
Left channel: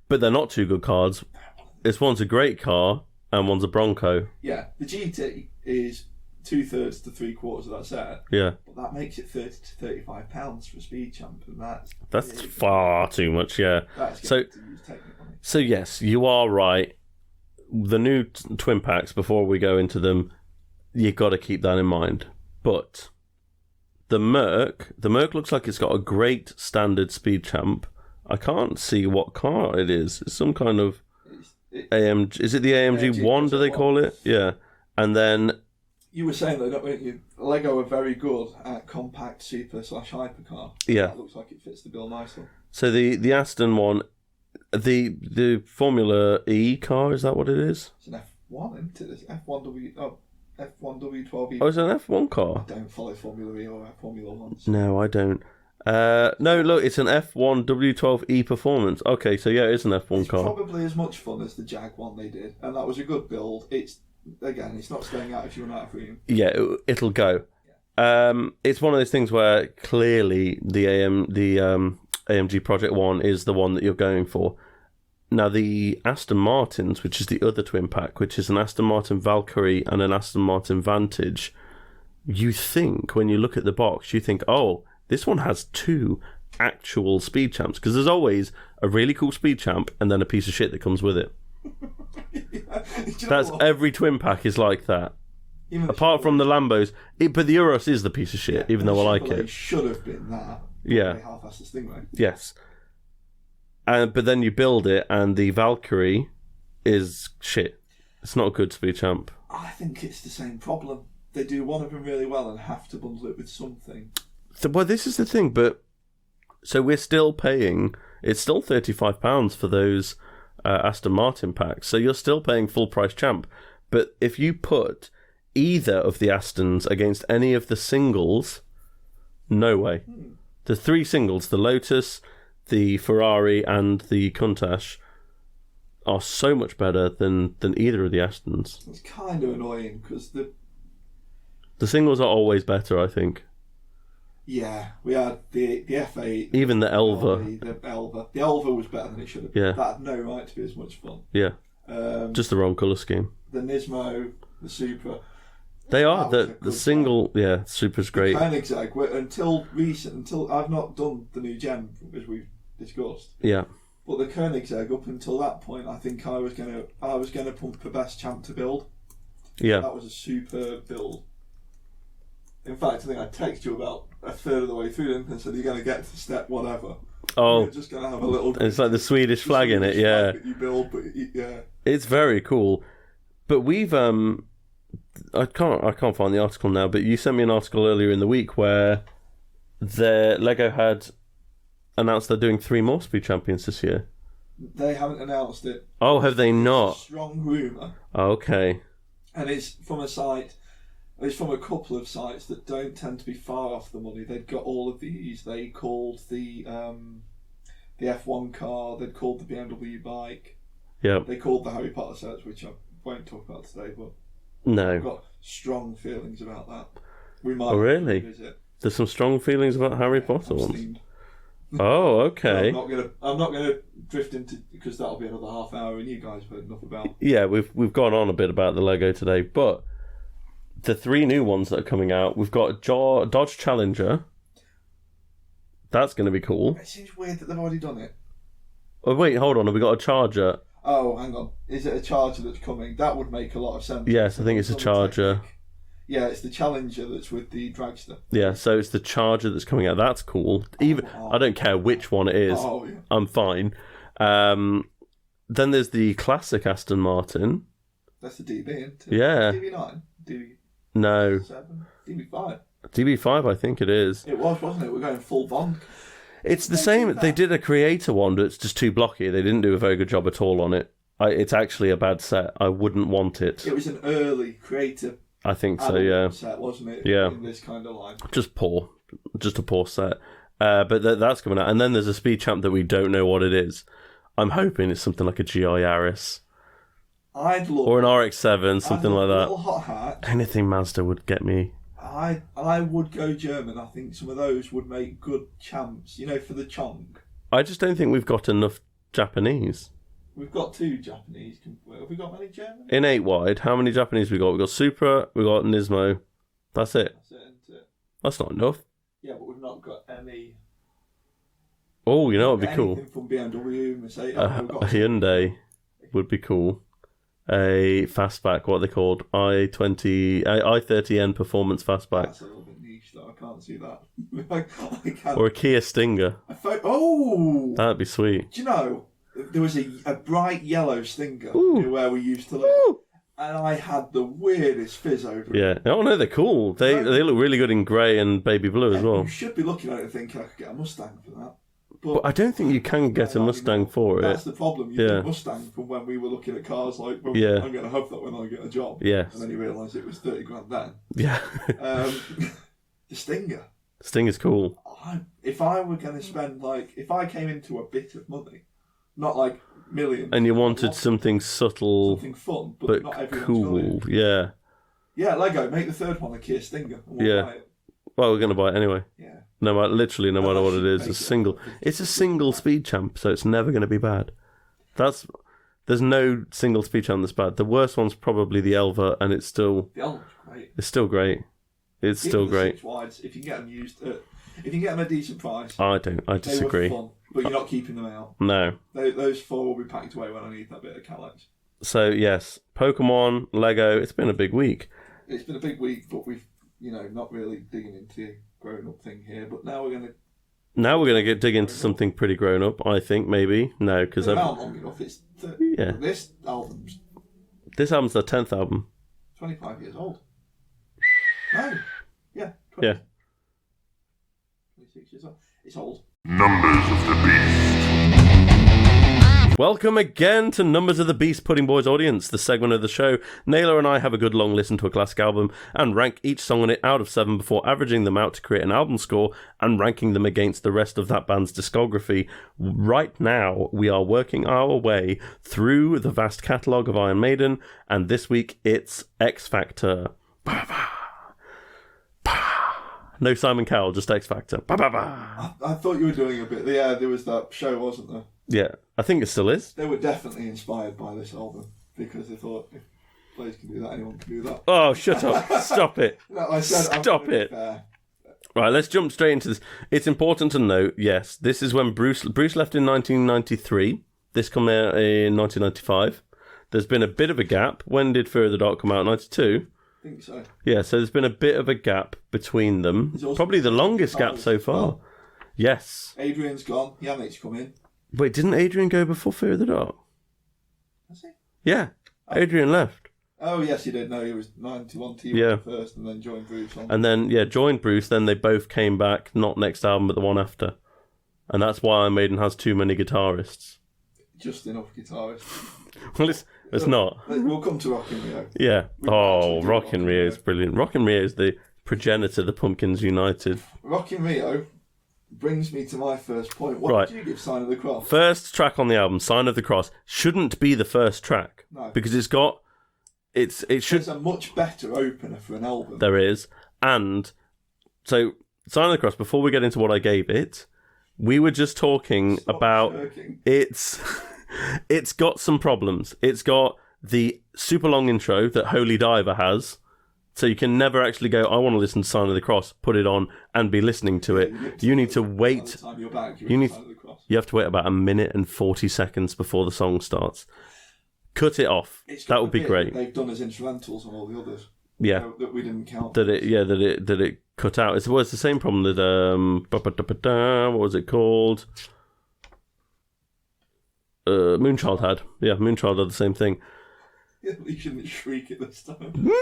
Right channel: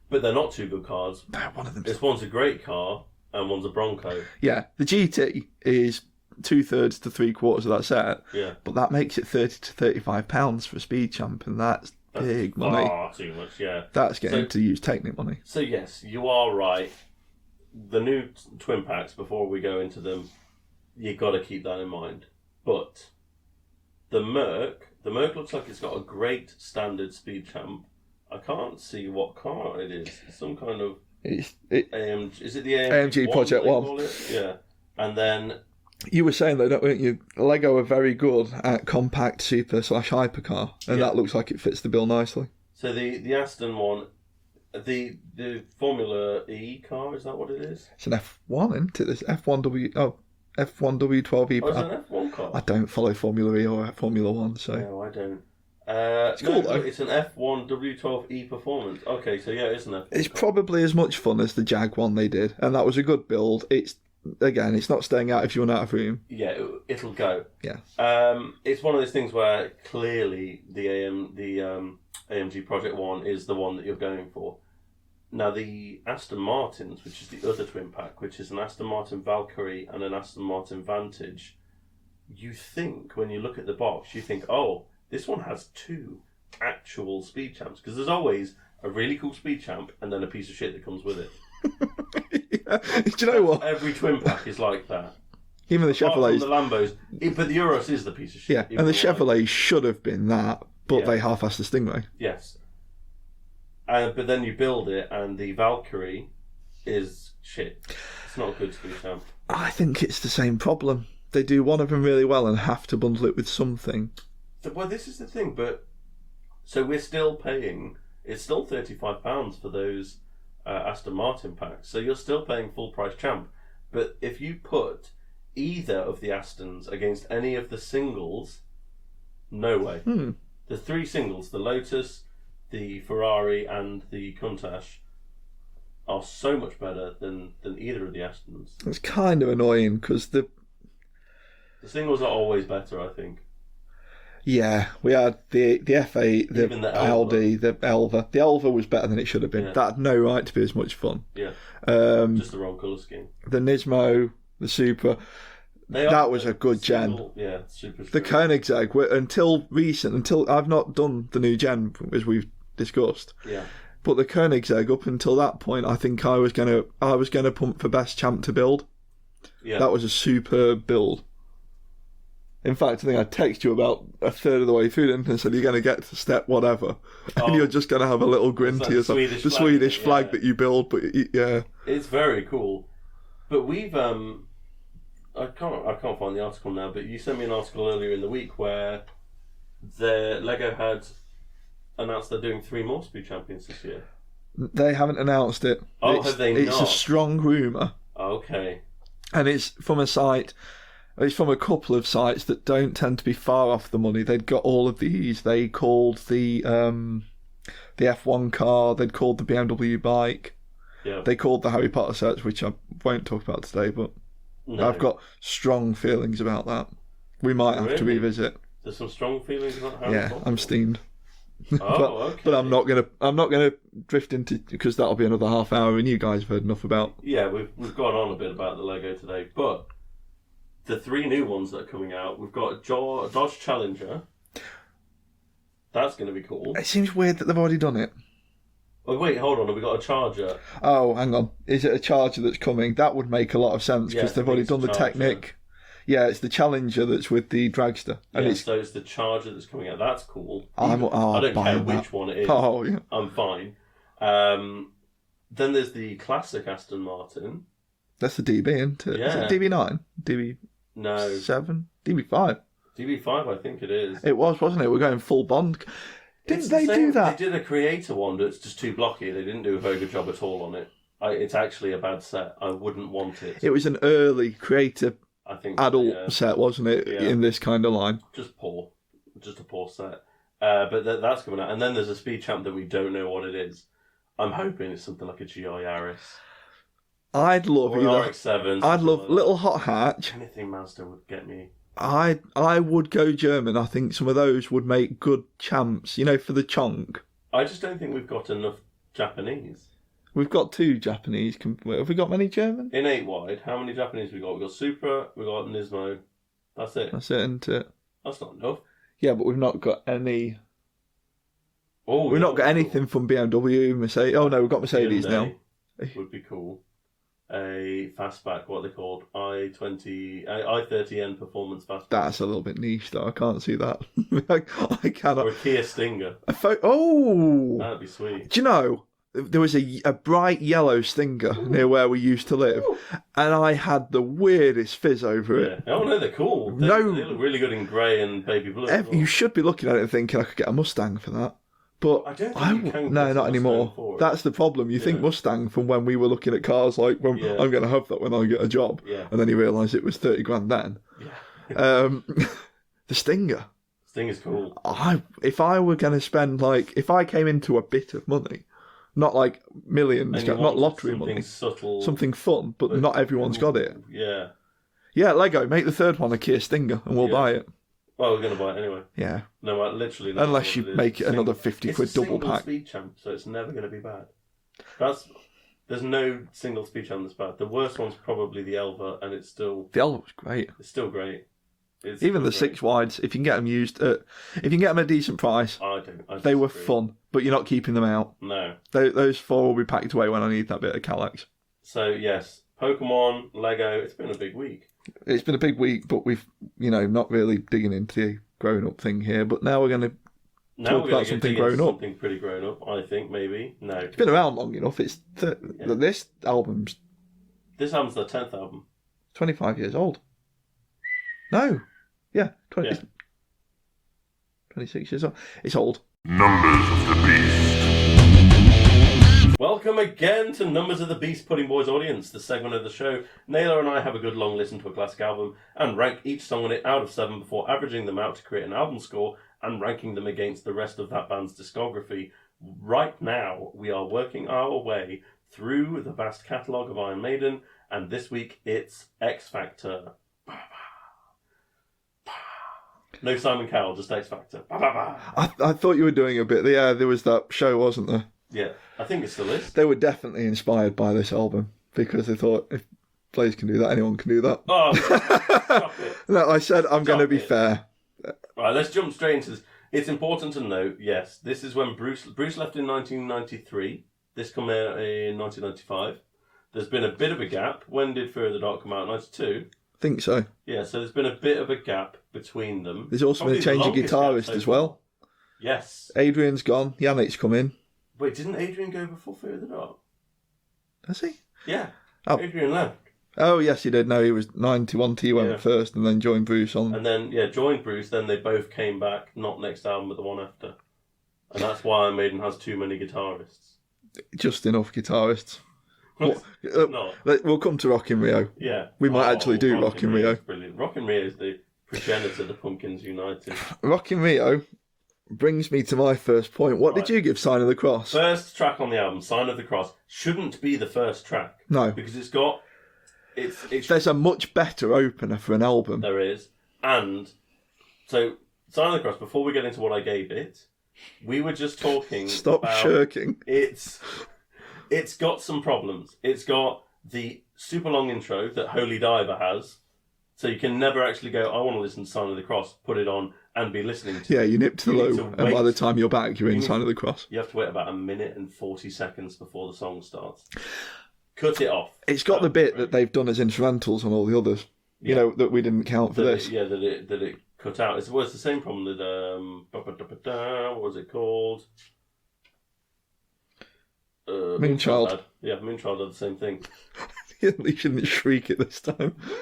but they're not two good cars. One of them. One's a great car and one's a Bronco. Yeah, the GT is 2/3 to 3/4 of that set. Yeah, but that makes it £30 to £35 for a speed champ, and that's big far money. Too much. Yeah, that's getting to use Technic money. So yes, you are right. The new twin packs, before we go into them, you've got to keep that in mind. But the Merc looks like it's got a great standard speed champ. I can't see what car it is. It's some kind of AMG. Is it the AMG 1 that they call it? Yeah. And then you were saying though, weren't you? Lego are very good at compact super / hypercar, and that looks like it fits the bill nicely. So the Aston one, the Formula E car, is that what it is? It's an F1, isn't it? This F1W. Oh, F1W12E. Oh, it's an F1 car. I don't follow Formula E or Formula One. So. No, I don't. No, cool, look, it's an F1 W12E Performance. Okay, so yeah, it's an F1 car. It's probably as much fun as the Jag one they did, and that was a good build. It's not staying out if you run out of room. Yeah, it'll go. Yeah. It's one of those things where clearly the AMG Project One is the one that you're going for. Now the Aston Martins, which is the other twin pack, which is an Aston Martin Valkyrie and an Aston Martin Vantage, you think when you look at the box, you think, oh, this one has two actual speed champs, because there's always a really cool speed champ and then a piece of shit that comes with it. Yeah. Do you know what? Every twin pack is like that. Even the apart from the Lambos, but the Urus is the piece of shit. Yeah, even and though the Chevrolet like should have been that, but they half-assed the Stingray. Yes. But then you build it, and the Valkyrie is shit. It's not a good speed champ. I think it's the same problem. They do one of them really well and have to bundle it with something. Well, this is the thing, but so we're still paying. It's still £35 for those Aston Martin packs. So you're still paying full price champ. But if you put either of the Astons against any of the singles, no way. The three singles, the Lotus, the Ferrari and the Countach are so much better than either of the Astons. It's kind of annoying because the singles are always better, I think. Yeah, we had the F8, even the Elva. Aldi, the Elva. The Elva was better than it should have been. Yeah. That had no right to be as much fun. Yeah, just the wrong colour scheme. The Nismo, the Super. That was a good single. gen. Yeah, Super's great. The Koenigsegg, until I've not done the new gen as we've discussed. Yeah. But the Koenigsegg, up until that point, I think I was gonna pump for best champ to build. Yeah. That was a superb build. In fact, I think I texted you about a third of the way through, didn't I? Said you're going to get to step whatever, and you're just going to have a little grin it's to like the yourself. Swedish flag in it, yeah. That you build, but yeah, it's very cool. But we've I can't find the article now, but you sent me an article earlier in the week where the Lego had announced they're doing 3 more Speed Champions this year. They haven't announced it. Oh, have they not? It's a strong rumour. Okay. And it's from a site. It's from a couple of sites that don't tend to be far off the money. They'd got all of these. They called the F1 car. They'd called the BMW bike. Yeah. They called the Harry Potter sets, which I won't talk about today, but no. I've got strong feelings about that. We might have to revisit. There's some strong feelings about Harry Potter. I'm steamed. Oh, okay. But I'm not gonna drift into, because that'll be another half hour, and you guys have heard enough about. Yeah, we've gone on a bit about the Lego today, but the 3 new ones that are coming out, we've got Dodge Challenger. That's going to be cool. It seems weird that they've already done it. Oh wait, hold on. Have we got a Charger? Oh, hang on. Is it a Charger that's coming? That would make a lot of sense because they've already done the Technic. Yeah, it's the Challenger that's with the Dragster. Yeah, so it's the Charger that's coming out. That's cool. I don't care which one it is. Oh, yeah. I'm fine. Then there's the classic Aston Martin. That's the DB, isn't it? Yeah. Is it DB9? DB7? No. DB5? DB5, I think it is. It was, wasn't it? We're going full Bond. It's the same. They did a creator one, but it's just too blocky. They didn't do a very good job at all on it. It's actually a bad set. I wouldn't want it. It was an early creator I think adult so, yeah. set, wasn't it? Yeah. In this kind of line. Just poor. Just a poor set. But that's coming out. And then there's a Speed Champ that we don't know what it is. I'm hoping it's something like a GI Yaris. I'd love... Or an RX-7, something like that. Little hot hatch. Anything Mazda would get me. I would go German. I think some of those would make good champs, for the chonk. I just don't think we've got enough Japanese. We've got 2 Japanese. Have we got many German? In 8 wide, how many Japanese we got? We've got Supra, we've got Nismo. That's it. That's it, isn't it? That's not enough. Yeah, but we've not got any... Oh, we've not got anything anything from BMW, Mercedes. Oh, no, we've got Mercedes Hyundai now. Would be cool. A fastback, what are they called? i30N Performance Fastback. That's a little bit niche, though. I can't see that. I cannot. Or a Kia Stinger. Oh! That'd be sweet. Do you know, there was a bright yellow Stinger near where we used to live, and I had the weirdest fizz over it. Yeah. Oh, no, they're cool. They look really good in grey and baby blue as well. You should be looking at it and thinking I could get a Mustang for that. But I don't think you can get a Mustang anymore. for it. That's the problem. You think Mustang from when we were looking at cars like, I'm going to have that when I get a job. Yeah. And then you realise it was 30 grand then. Yeah. The Stinger. Stinger's cool. If I were going to spend, if I came into a bit of money, not like millions. And you wanted something subtle. Something fun, but not everyone's got it. Yeah. Yeah, Lego, make the third one a Kia Stinger and we'll buy it. Well, we're going to buy it anyway. Yeah. No matter what it is. Make it's a single Speed Champ, so it's never going to be bad. There's no single Speed Champ that's bad. The worst one's probably the Elva, and it's still... The Elva's great. It's still great. It's Even still the great. 6 wides, if you can get them used, if you can get them at a decent price... I disagree. They were fun, but you're not keeping them out. No. Those 4 will be packed away when I need that bit of Calyx. So, yes, Pokemon, Lego, it's been a big week. It's been a big week, but we've, not really digging into the grown-up thing here. But now we're going to... Now we're going to dig into something pretty grown-up, I think, maybe. No, because... Been around long enough. It's... This album's... This album's their 10th album. 25 years old. No. Yeah. 26 years old. It's old. Numbers of the Beast. Welcome again to Numbers of the Beast Pudding Boys audience, the segment of the show. Naylor and I have a good long listen to a classic album and rank each song on it out of 7 before averaging them out to create an album score and ranking them against the rest of that band's discography. Right now, we are working our way through the vast catalogue of Iron Maiden, and this week it's X Factor. No Simon Cowell, just X Factor. I thought you were doing a bit. Yeah, there was that show, wasn't there? Yeah, I think it still is. They were definitely inspired by this album because they thought if Blaze can do that, anyone can do that. Oh, stop it. No, I said I'm going to be fair. Right, let's jump straight into this. It's important to note, yes, this is when Bruce left in 1993. This came out in 1995. There's been a bit of a gap. When did Fear of the Dark come out? 92? I think so. Yeah, so there's been a bit of a gap between them. There's also probably been a the change of longest gap guitarist so as far. well. Yes. Adrian's gone. Yannick's come in. Wait, didn't Adrian go before Fear of the Dark? Has he? Yeah. Oh. Adrian left. Oh, yes, he did. No, he was 91 T went first and then joined Bruce on. And then, joined Bruce. Then they both came back, not next album, but the one after. And that's why Iron Maiden has too many guitarists. Just enough guitarists. Well, it's not. We'll come to Rock in Rio. Yeah. We might actually do Rock in Rio. Is brilliant. Rock in Rio is the progenitor of the Pumpkins United. Rock in Rio brings me to my first point. What did you give Sign of the Cross? First track on the album, Sign of the Cross, shouldn't be the first track. No. Because it's got... There's a much better opener for an album. There is. And so, Sign of the Cross, before we get into what I gave it, we were just talking about... shirking. It's got some problems. It's got the super long intro that Holy Diver has. So you can never actually go, I want to listen to Sign of the Cross, put it on, and be listening to it. You need to wait. And by the time you're back, you're in Sign of the Cross. You have to wait about 1 minute and 40 seconds before the song starts. Cut it off. It's got the bit that they've done as instrumentals on all the others. Yeah. You know, that we didn't count for this. That it cut out. It's the same problem that, what was it called? Moonchild had. Yeah, Moonchild had the same thing. You shouldn't shriek it this time. Moonchild!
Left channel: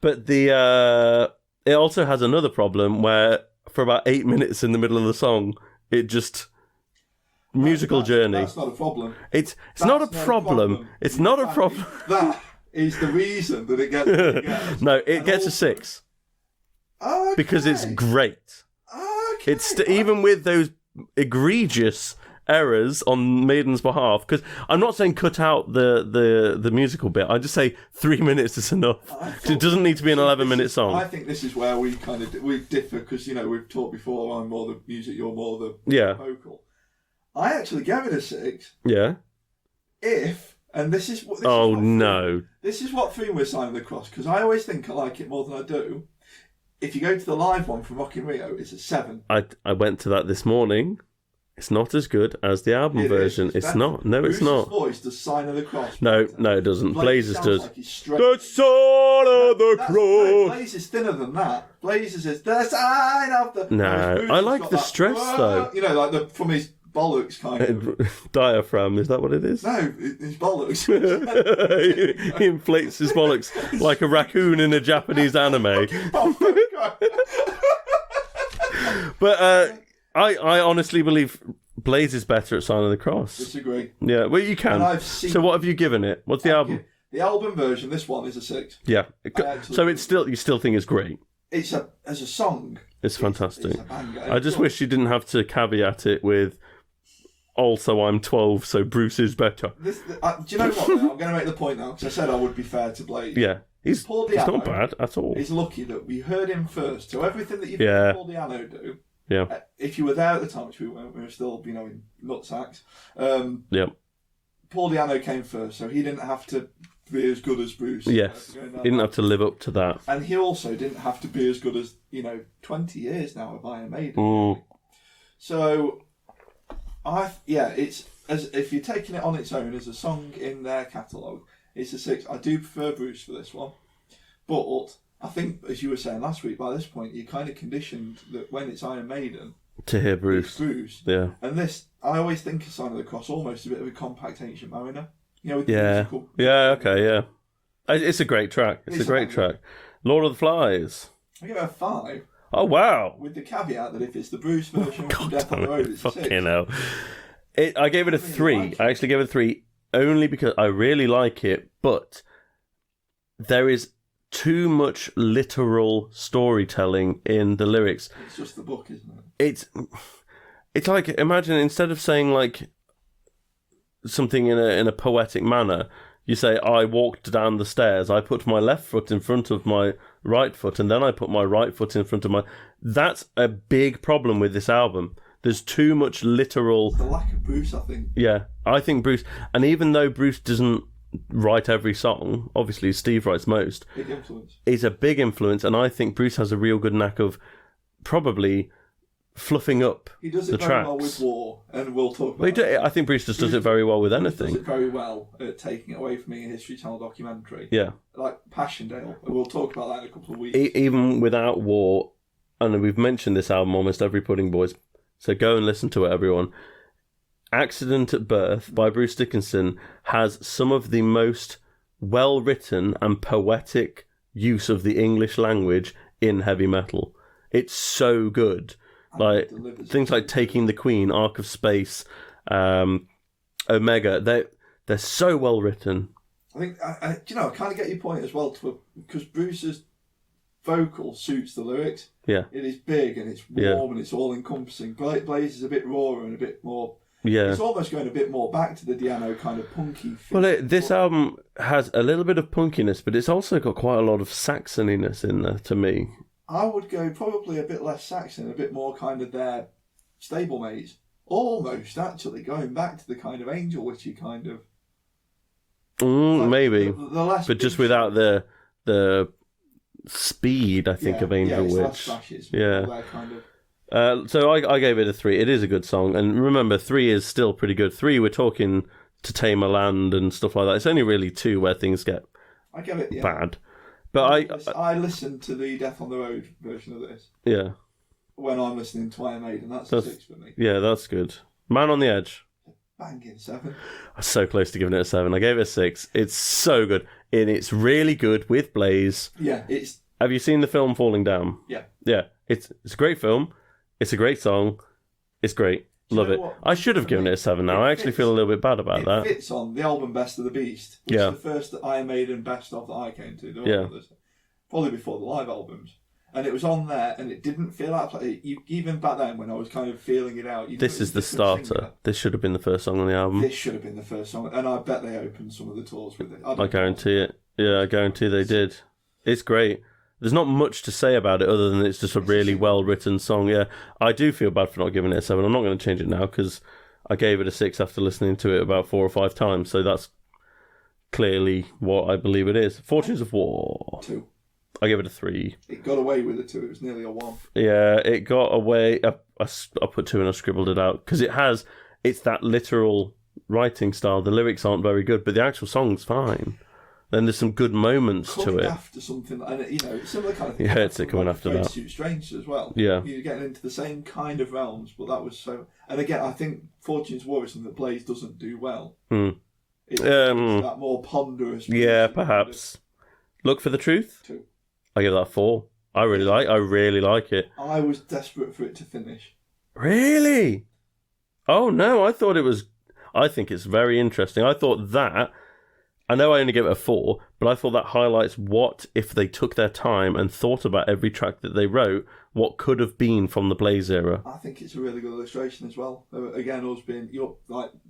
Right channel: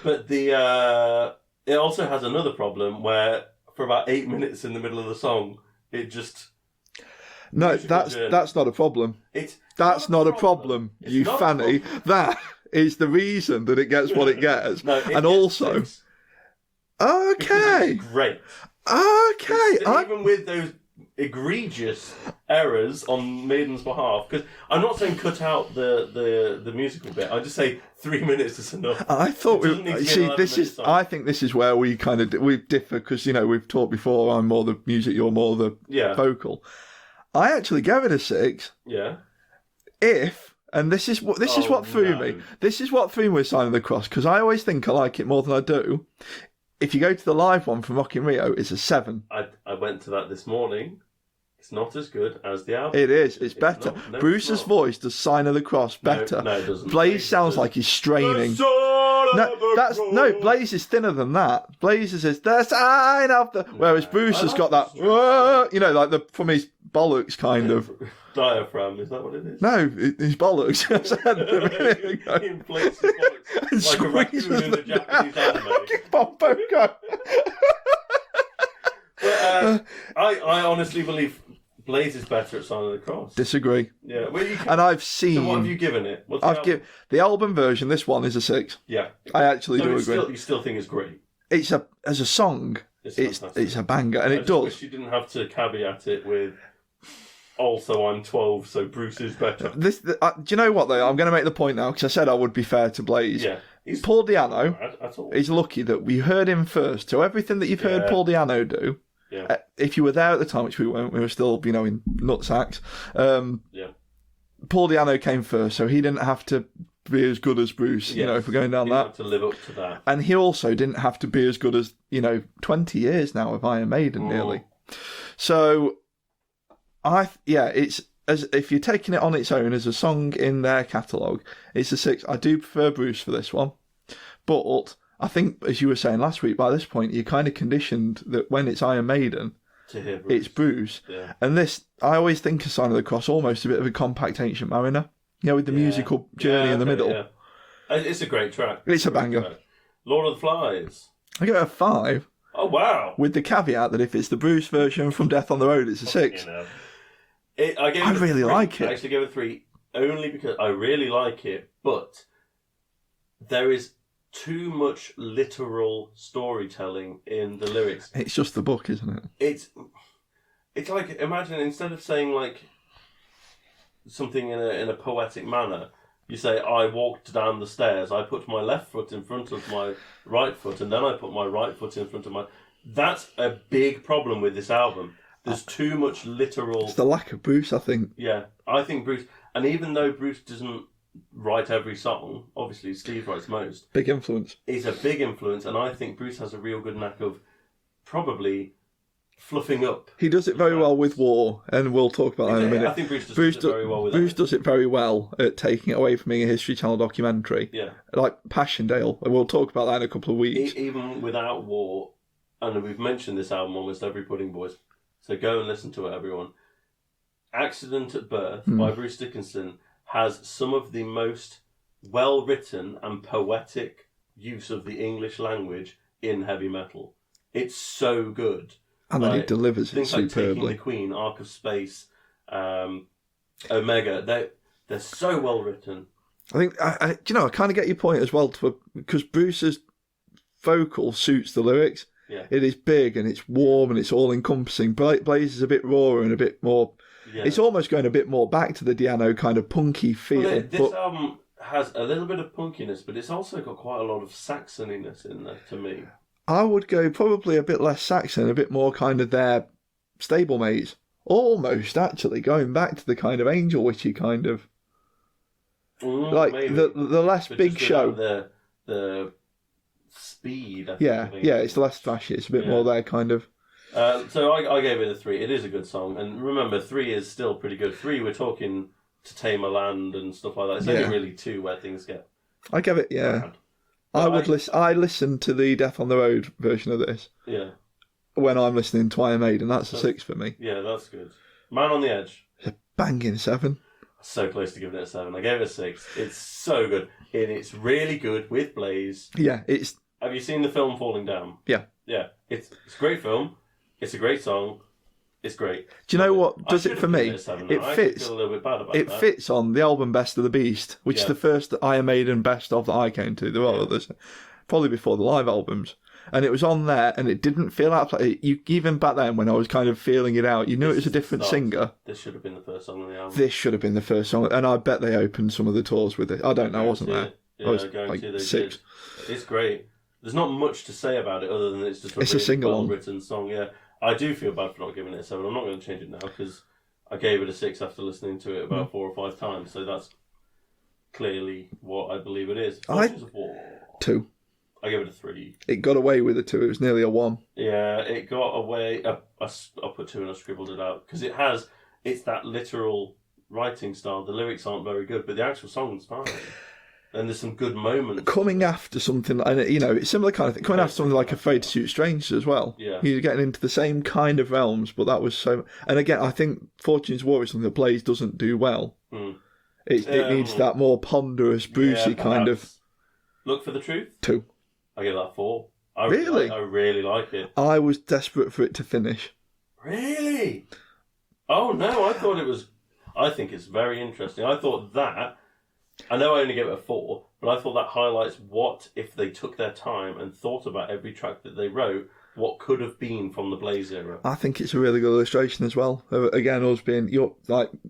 But it also has another problem where for about 8 minutes in the middle of the song, it just... musical journey. That's not a problem. It's not a problem. It's not a problem. That is the reason that it gets what it gets. No, it gets a 6. Okay. Because it's great. Okay. Even with those egregious errors on Maiden's behalf, because I'm not saying cut out the musical bit. I just say 3 minutes is enough. It doesn't need to be an 11-minute song. I think this is where we kind of we differ because we've talked before. I'm more the music, you're more the vocal. I actually gave it a 6. Yeah. This is what threw me. This is what threw me with Sign of the Cross because I always think I like it more than I do. If you go to the live one from Rock in Rio, it's a 7. I went to that this morning. It's not as good as the album version. It's not. No, Bruce's it's not. voice does Sign of the Cross better. No, it doesn't. Blaze sounds like he's straining. Blaze is thinner than that. Blaze is the sign of the. Whereas Bruce has got that stress, though. Like from his bollocks kind of diaphragm. Is that what it is? No, his bollocks. He inflates his bollocks like a raccoon in a Japanese anime. But I honestly believe Blaze is better at Sign of the Cross. Disagree. Yeah, well you can. And I've seen. So what have you given it? What's the album? The album version. This one is a 6. Yeah, I actually. So you still think it's great? It's as a song. It's fantastic. It's a banger. And I just wish you didn't have to caveat it with. Also, I'm 12, so Bruce is better. Do you know what, though? I'm going to make the point now, because I said I would be fair to Blaze. Yeah. Paul Di'Anno. He's not bad at all. He's lucky that we heard him first. So everything that you've heard Paul Di'Anno do, if you were there at the time, which we weren't, we were still, in nutsacks. Paul Di'Anno came first, so he didn't have to be as good as Bruce, if we're going down he didn't have to live up to that. And he also didn't have to be as good as, 20 years now of Iron Maiden, nearly. So... it's as if you're taking it on its own as a song in their catalogue, it's a 6. I do prefer Bruce for this one, but I think, as you were saying last week, by this point you're kind of conditioned that when it's Iron Maiden, to hear Bruce, it's Bruce. Yeah. And this, I always think of Sign of the Cross almost a bit of a compact Ancient Mariner, with the musical journey in the middle. Yeah, it's a great track. It's a great track. Lord of the Flies. I give it a 5. Oh wow! With the caveat that if it's the Bruce version from Death on the Road, it's a 6. I gave it a really 3. like it. I actually gave it a 3 only because I really like it, but there is too much literal storytelling in the lyrics. It's just the book, isn't it? It's like, imagine instead of saying like something in a poetic manner, you say, I walked down the stairs, I put my left foot in front of my right foot, and then I put my right foot in front of my... That's a big problem with this album. There's too much literal... It's the lack of Bruce, I think. Yeah, I think Bruce... And even though Bruce doesn't write every song, obviously Steve writes most. Big influence. He's a big influence, and I think Bruce has a real good knack of probably fluffing up. He does it the very tracks. well with War, and we'll talk about that in a minute. I think Bruce does it very well with Bruce anything. does it very well at taking it away from being a History Channel documentary. Yeah. Like Passchendaele, and we'll talk about that in a couple of weeks. Even without War, and we've mentioned this album almost every Pudding Boys, so go and listen to it, everyone. Accident at Birth by Bruce Dickinson has some of the most well-written and poetic use of the English language in heavy metal. It's so good. And then it delivers things like superbly. Taking the Queen, Ark of Space, Omega. They're so well written. I think I kind of get your point as well, because Bruce's vocal suits the lyrics. Yeah, it is big and it's warm and it's all encompassing. Blaze is a bit rawer and a bit more. Yeah, it's almost going a bit more back to the Diano kind of punky feel. Well, this album has a little bit of punkiness, but it's also got quite a lot of Saxoniness in there to me. I would go probably a bit less Saxon, a bit more kind of their stablemates. Almost, actually, going back to the kind of Angel Witchy kind of... maybe. The last but big just without show. the speed, I think, of Angel Witch. Yeah, it's less flashy. It's a bit more their kind of... So I gave it a 3. It is a good song. And remember, 3 is still pretty good. 3, we're talking To Tame a Land and stuff like that. It's only really 2 where things get I give it, bad. But I listened to the Death on the Road version of this. Yeah. When I'm listening to Iron Maiden, that's a 6 for me. Yeah, that's good. Man on the Edge. It's a banging 7. I'm so close to giving it a 7. I gave it a 6. It's so good. And it's really good with Blaze. Yeah, it's... Have you seen the film Falling Down? Yeah. Yeah. It's a great film. It's a great song. It's great. Do you know what? I should have given it a 7 now. I actually feel a little bit bad about that. It fits on the album Best of the Beast, which is Yeah. the first Iron Maiden best of that I came to. There were others, probably before the live albums. And it was on there, and it didn't feel out. Even back then, when I was kind of feeling it out, you knew it was a different singer. This should have been the first song on the album. This should have been the first song, and I bet they opened some of the tours with it. I guarantee it. Yeah, I guarantee they did. It's great. There's not much to say about it other than it's just a really well-written song. Yeah, I do feel bad for not giving it a 7. I'm not going to change it now because I gave it a 6 after listening to it about 4 or 5 times. So that's clearly what I believe it is. Fortunes of War. 2. I gave it a 3. It got away with a 2. It was nearly a 1. Yeah, it got away. I put 2 and I scribbled it out because it's that literal writing style. The lyrics aren't very good, but the actual song's fine. Then there's some good moments coming to it. after something, and it's similar kind of thing. Coming after something like Afraid to Shoot Strangers as well. Yeah, you're getting into the same kind of realms, but that was so. And again, I think Fortune's War is something that Blaze doesn't do well. It needs that more ponderous, bluesy kind of. Look for the Truth. 2. I give that 4. I really like it. I was desperate for it to finish. Really? Oh no, I thought it was. I think it's very interesting. I thought that. I know I only gave it a 4, but I thought that highlights what if they took their time and thought about every track that they wrote, what could have been from the Blaze era. I think it's a really good illustration as well. Again, us being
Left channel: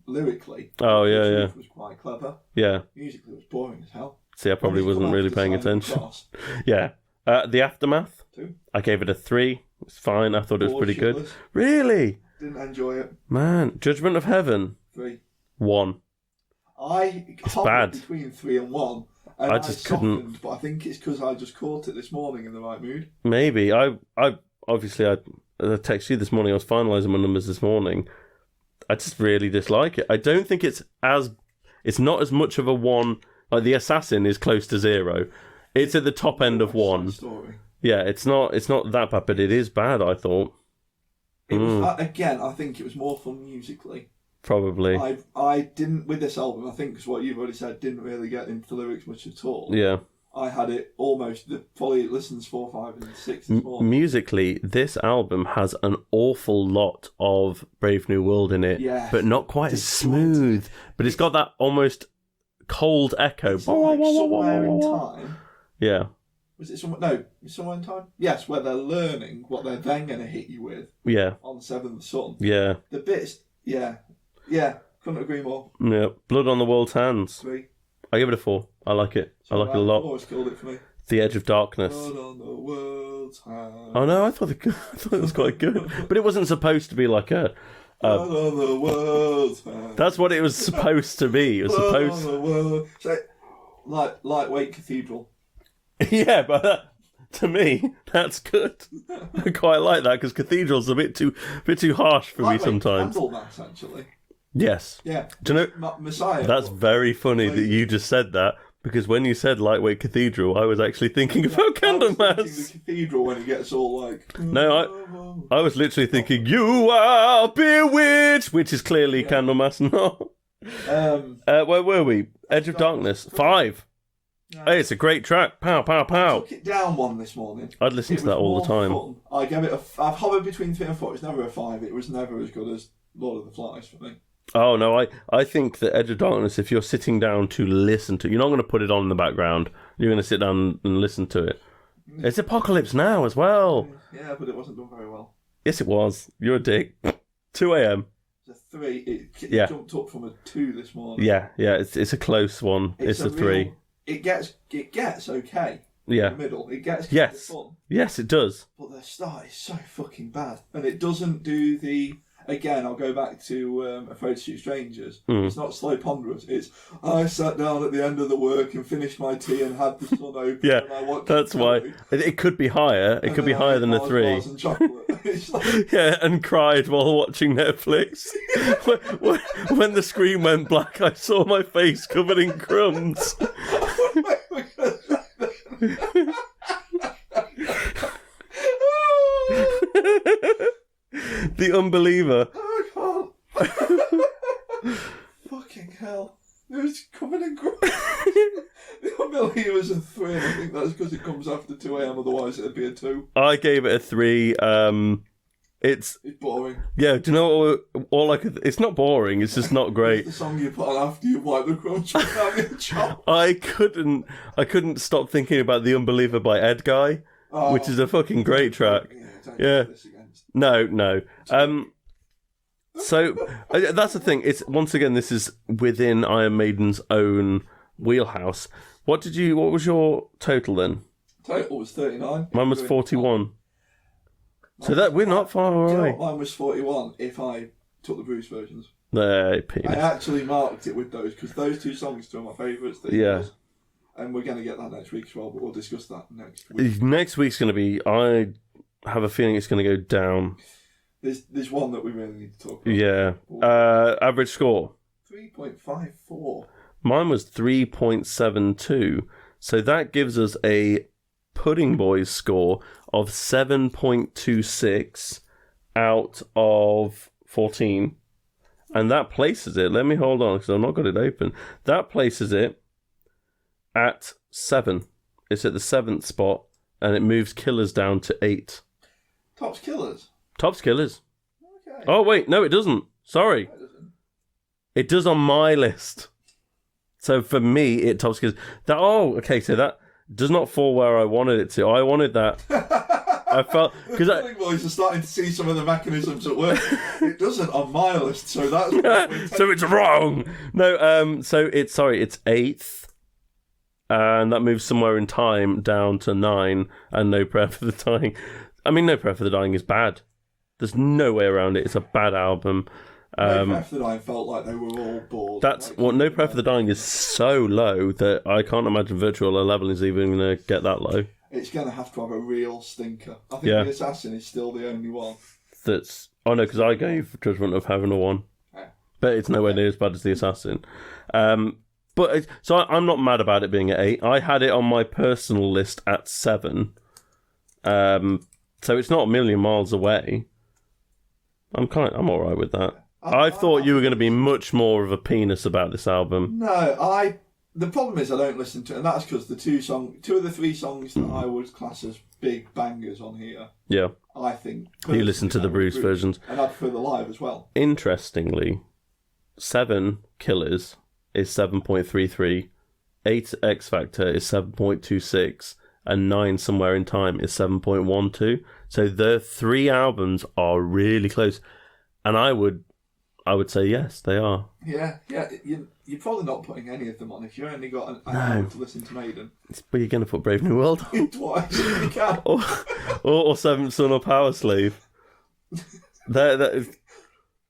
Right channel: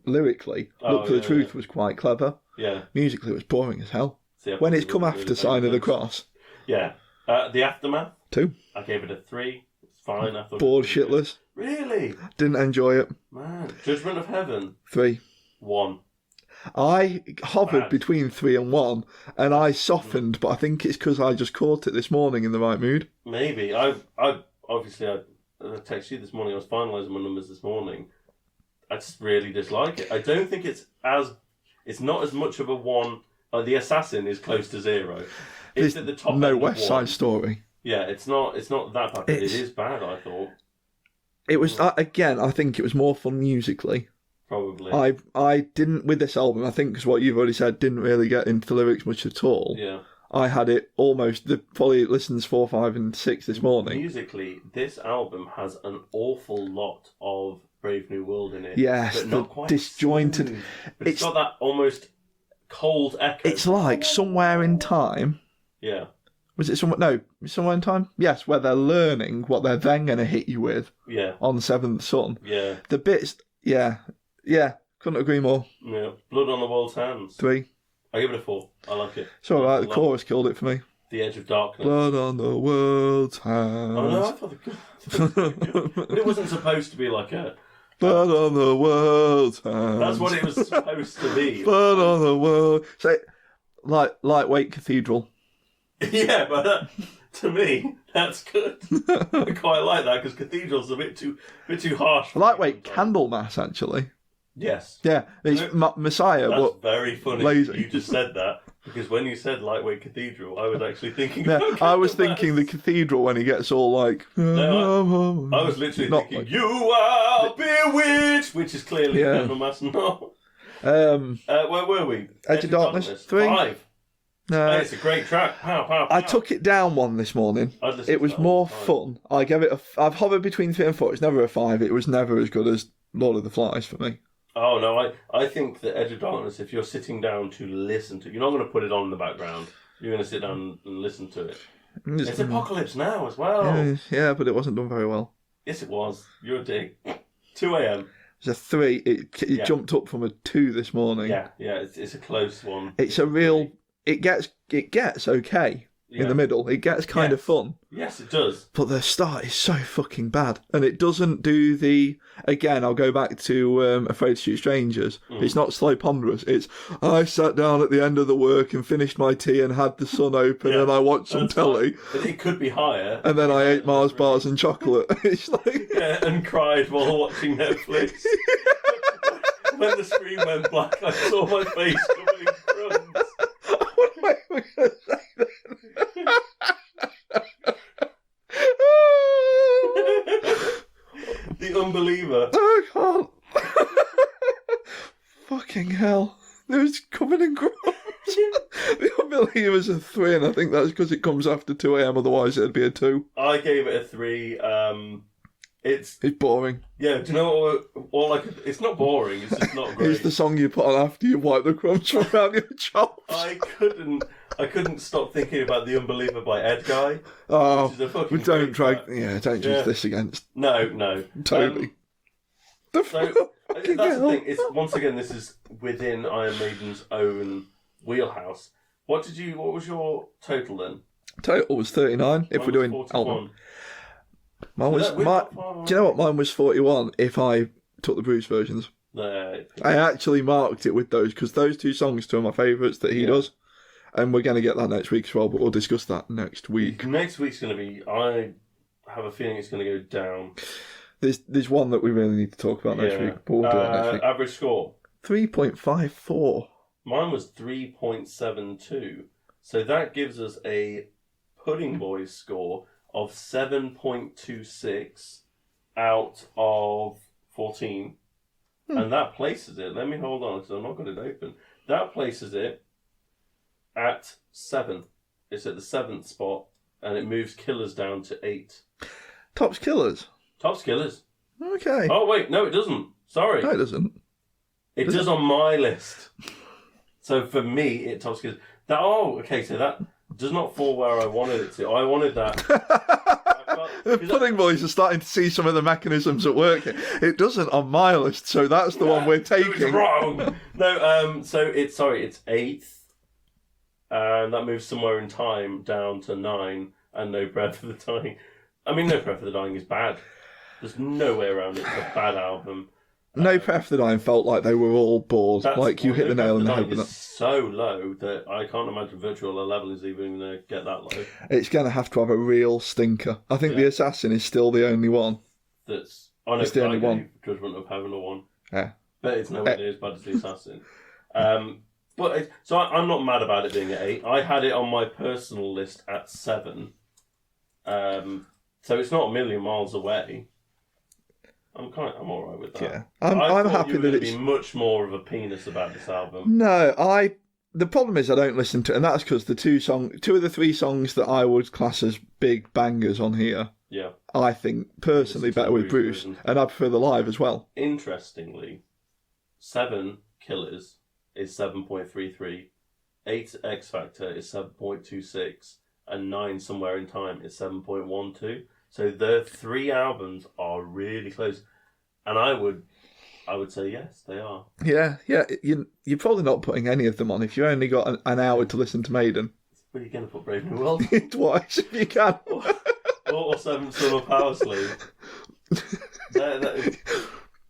lyrically, Look for the Truth was quite clever. Yeah. Musically, it was boring as hell. See, I probably wasn't really paying attention. Sign of the Cross. Yeah. The Aftermath. 2. I gave it a 3. It's fine. I thought it was pretty good. Really? Didn't enjoy it. Man. Judgment of Heaven. 3. 1. I hovered between 3 and 1, and I softened, but I think it's because I just caught it this morning in the right mood. Maybe. I obviously I texted you this morning. I was finalising my numbers this morning. I just really dislike it. I don't think it's not as much of a 1. Like the Assassin is close to 0. It's at the top end of 1. West Side Story. Yeah, it's not that bad, but it is bad. I thought it was that again. I think it was more fun musically. Probably. I didn't with this album. I think because what you've already said, didn't really get into the lyrics much at all. Yeah. I had it almost. Probably listens 4, 5, and 6 this morning. Musically, this album has an awful lot of Brave New World in it, but not quite as smooth. But it's got that almost cold echo. It's like Somewhere in Time. Yeah. Was it Somewhere in Time? Yes, where they're learning what they're then going to hit you with. Yeah. On the Seventh Son. Yeah. The bits. Yeah. Couldn't agree more. Yeah. Blood on the World's Hands. 3. I give it a 4. I like it. So the chorus killed it for me. The Edge of Darkness. Blood on the world's hands. Oh no, I thought it was quite good. But it wasn't supposed to be like a... Blood on the world's hands. That's what it was supposed to be. It was Blood on the world. So, lightweight cathedral. Yeah, but to me, that's good. I quite like that, because cathedral's a bit too harsh for me sometimes. Candlemas, actually. Yes. Yeah. Messiah. That's very funny that you just said that, because when you said lightweight cathedral, I was actually thinking about Candlemas. I was thinking the cathedral when he gets all like... No, I was literally thinking, you are bewitched, which is clearly Candlemas. No. Where were we? Edge of Darkness. 5. Hey, it's a great track. Pow, pow, pow. I took it down 1 this morning. I'd listen to that all the time. It was more fun. I gave it I've hovered between 3 and 4. It's never a 5. It was never as good as Lord of the Flies for me. Oh, no, I think that Edge of Darkness, if you're sitting down to listen to... You're not going to put it on in the background. You're going to sit down and listen to it. It's Apocalypse Now as well. Yeah, but it wasn't done very well. Yes, it was. You're a dick. 2 a.m. It was a 3. It jumped up from a 2 this morning. Yeah, it's a close one. It's a real... 3. It gets okay in the middle. It gets kind of fun. Yes, it does. But the start is so fucking bad. And it doesn't do the... Again, I'll go back to Afraid to Shoot Strangers. It's not slow ponderous. It's, I sat down at the end of the work and finished my tea and had the sun open and I watched some telly. It could be higher. It could be higher than Mars a 3. bars and chocolate. It's like... Yeah, and cried while watching Netflix. when the screen went black, I saw my face covered in crumbs. The Unbeliever. I can't. Fucking hell. It was coming in crumbs. The Unbeliever's a 3, and I think that's because it comes after 2 a.m, otherwise it'd be a 2. I gave it a 3. It's boring. Yeah, do you know what? It's not boring. It's just not great. It's the song you put on after you wipe the crumbs from out your chops. I couldn't stop thinking about The Unbeliever by Ed Guy, which is a fucking great track. Don't use this against. No. Totally. So that's the thing. It's once again, this is within Iron Maiden's own wheelhouse. What was your total then? Total was 39. Mine was 41. We're not far away. Do you know what? Mine was 41 if I took the Bruce versions. I actually marked it with those because those 2 songs are 2 of my favourites that he does. And we're going to get that next week as well, but we'll discuss that next week. Next week's going to be... I have a feeling it's going to go down. There's one that we really need to talk about next week. But we'll do it next week. Average score? 3.54. Mine was 3.72. So that gives us a Pudding Boys score of 7.26 out of 14. And that places it... Let me hold on, because I've not got it open. That places it at 7. It's at the 7th spot, and it moves Killers down to 8. Tops Killers? Tops Killers. Okay. Oh, wait, no, it doesn't. Sorry. No, it doesn't. It does on my list. So for me, it tops Killers. So that does not fall where I wanted it to. I wanted that. I felt... The Pudding Boys are starting to see some of the mechanisms at work. It doesn't on my list, so that's the one we're taking. So it's wrong. No, so it's 8th. And that moves somewhere in time down to 9, and No Prayer for the Dying. I mean, No Prayer for the Dying is bad. There's no way around it. It's a bad album. No Prayer for the Dying felt like they were all bored. No Prayer for the Dying is so low that I can't imagine Virtual 11 is even going to get that low. It's going to have to have a real stinker. I think The Assassin is still the only one. That's honest. I gave Judgment of Heaven a 1. Yeah. But it's nowhere near as bad as The Assassin. So I'm not mad about it being at 8. I had it on my personal list at 7. So it's not a million miles away. I'm all right with that. Yeah. I thought you were going to be much more of a penis about this album. No, The problem is I don't listen to, and that's because the two of the three songs that I would class as big bangers on here, Yeah. I think personally You listen to the with Bruce versions. and I prefer the live as well. Interestingly, 7 Killers is 7.33, 8 X Factor is 7.26, and 9 Somewhere in Time is 7.12. So the 3 albums are really close, and I would say yes, they are. Yeah. You're probably not putting any of them on if you only got an hour to listen to Maiden. But you're going to put Brave New World on. Twice if you can. or Seventh Son or Power Slave.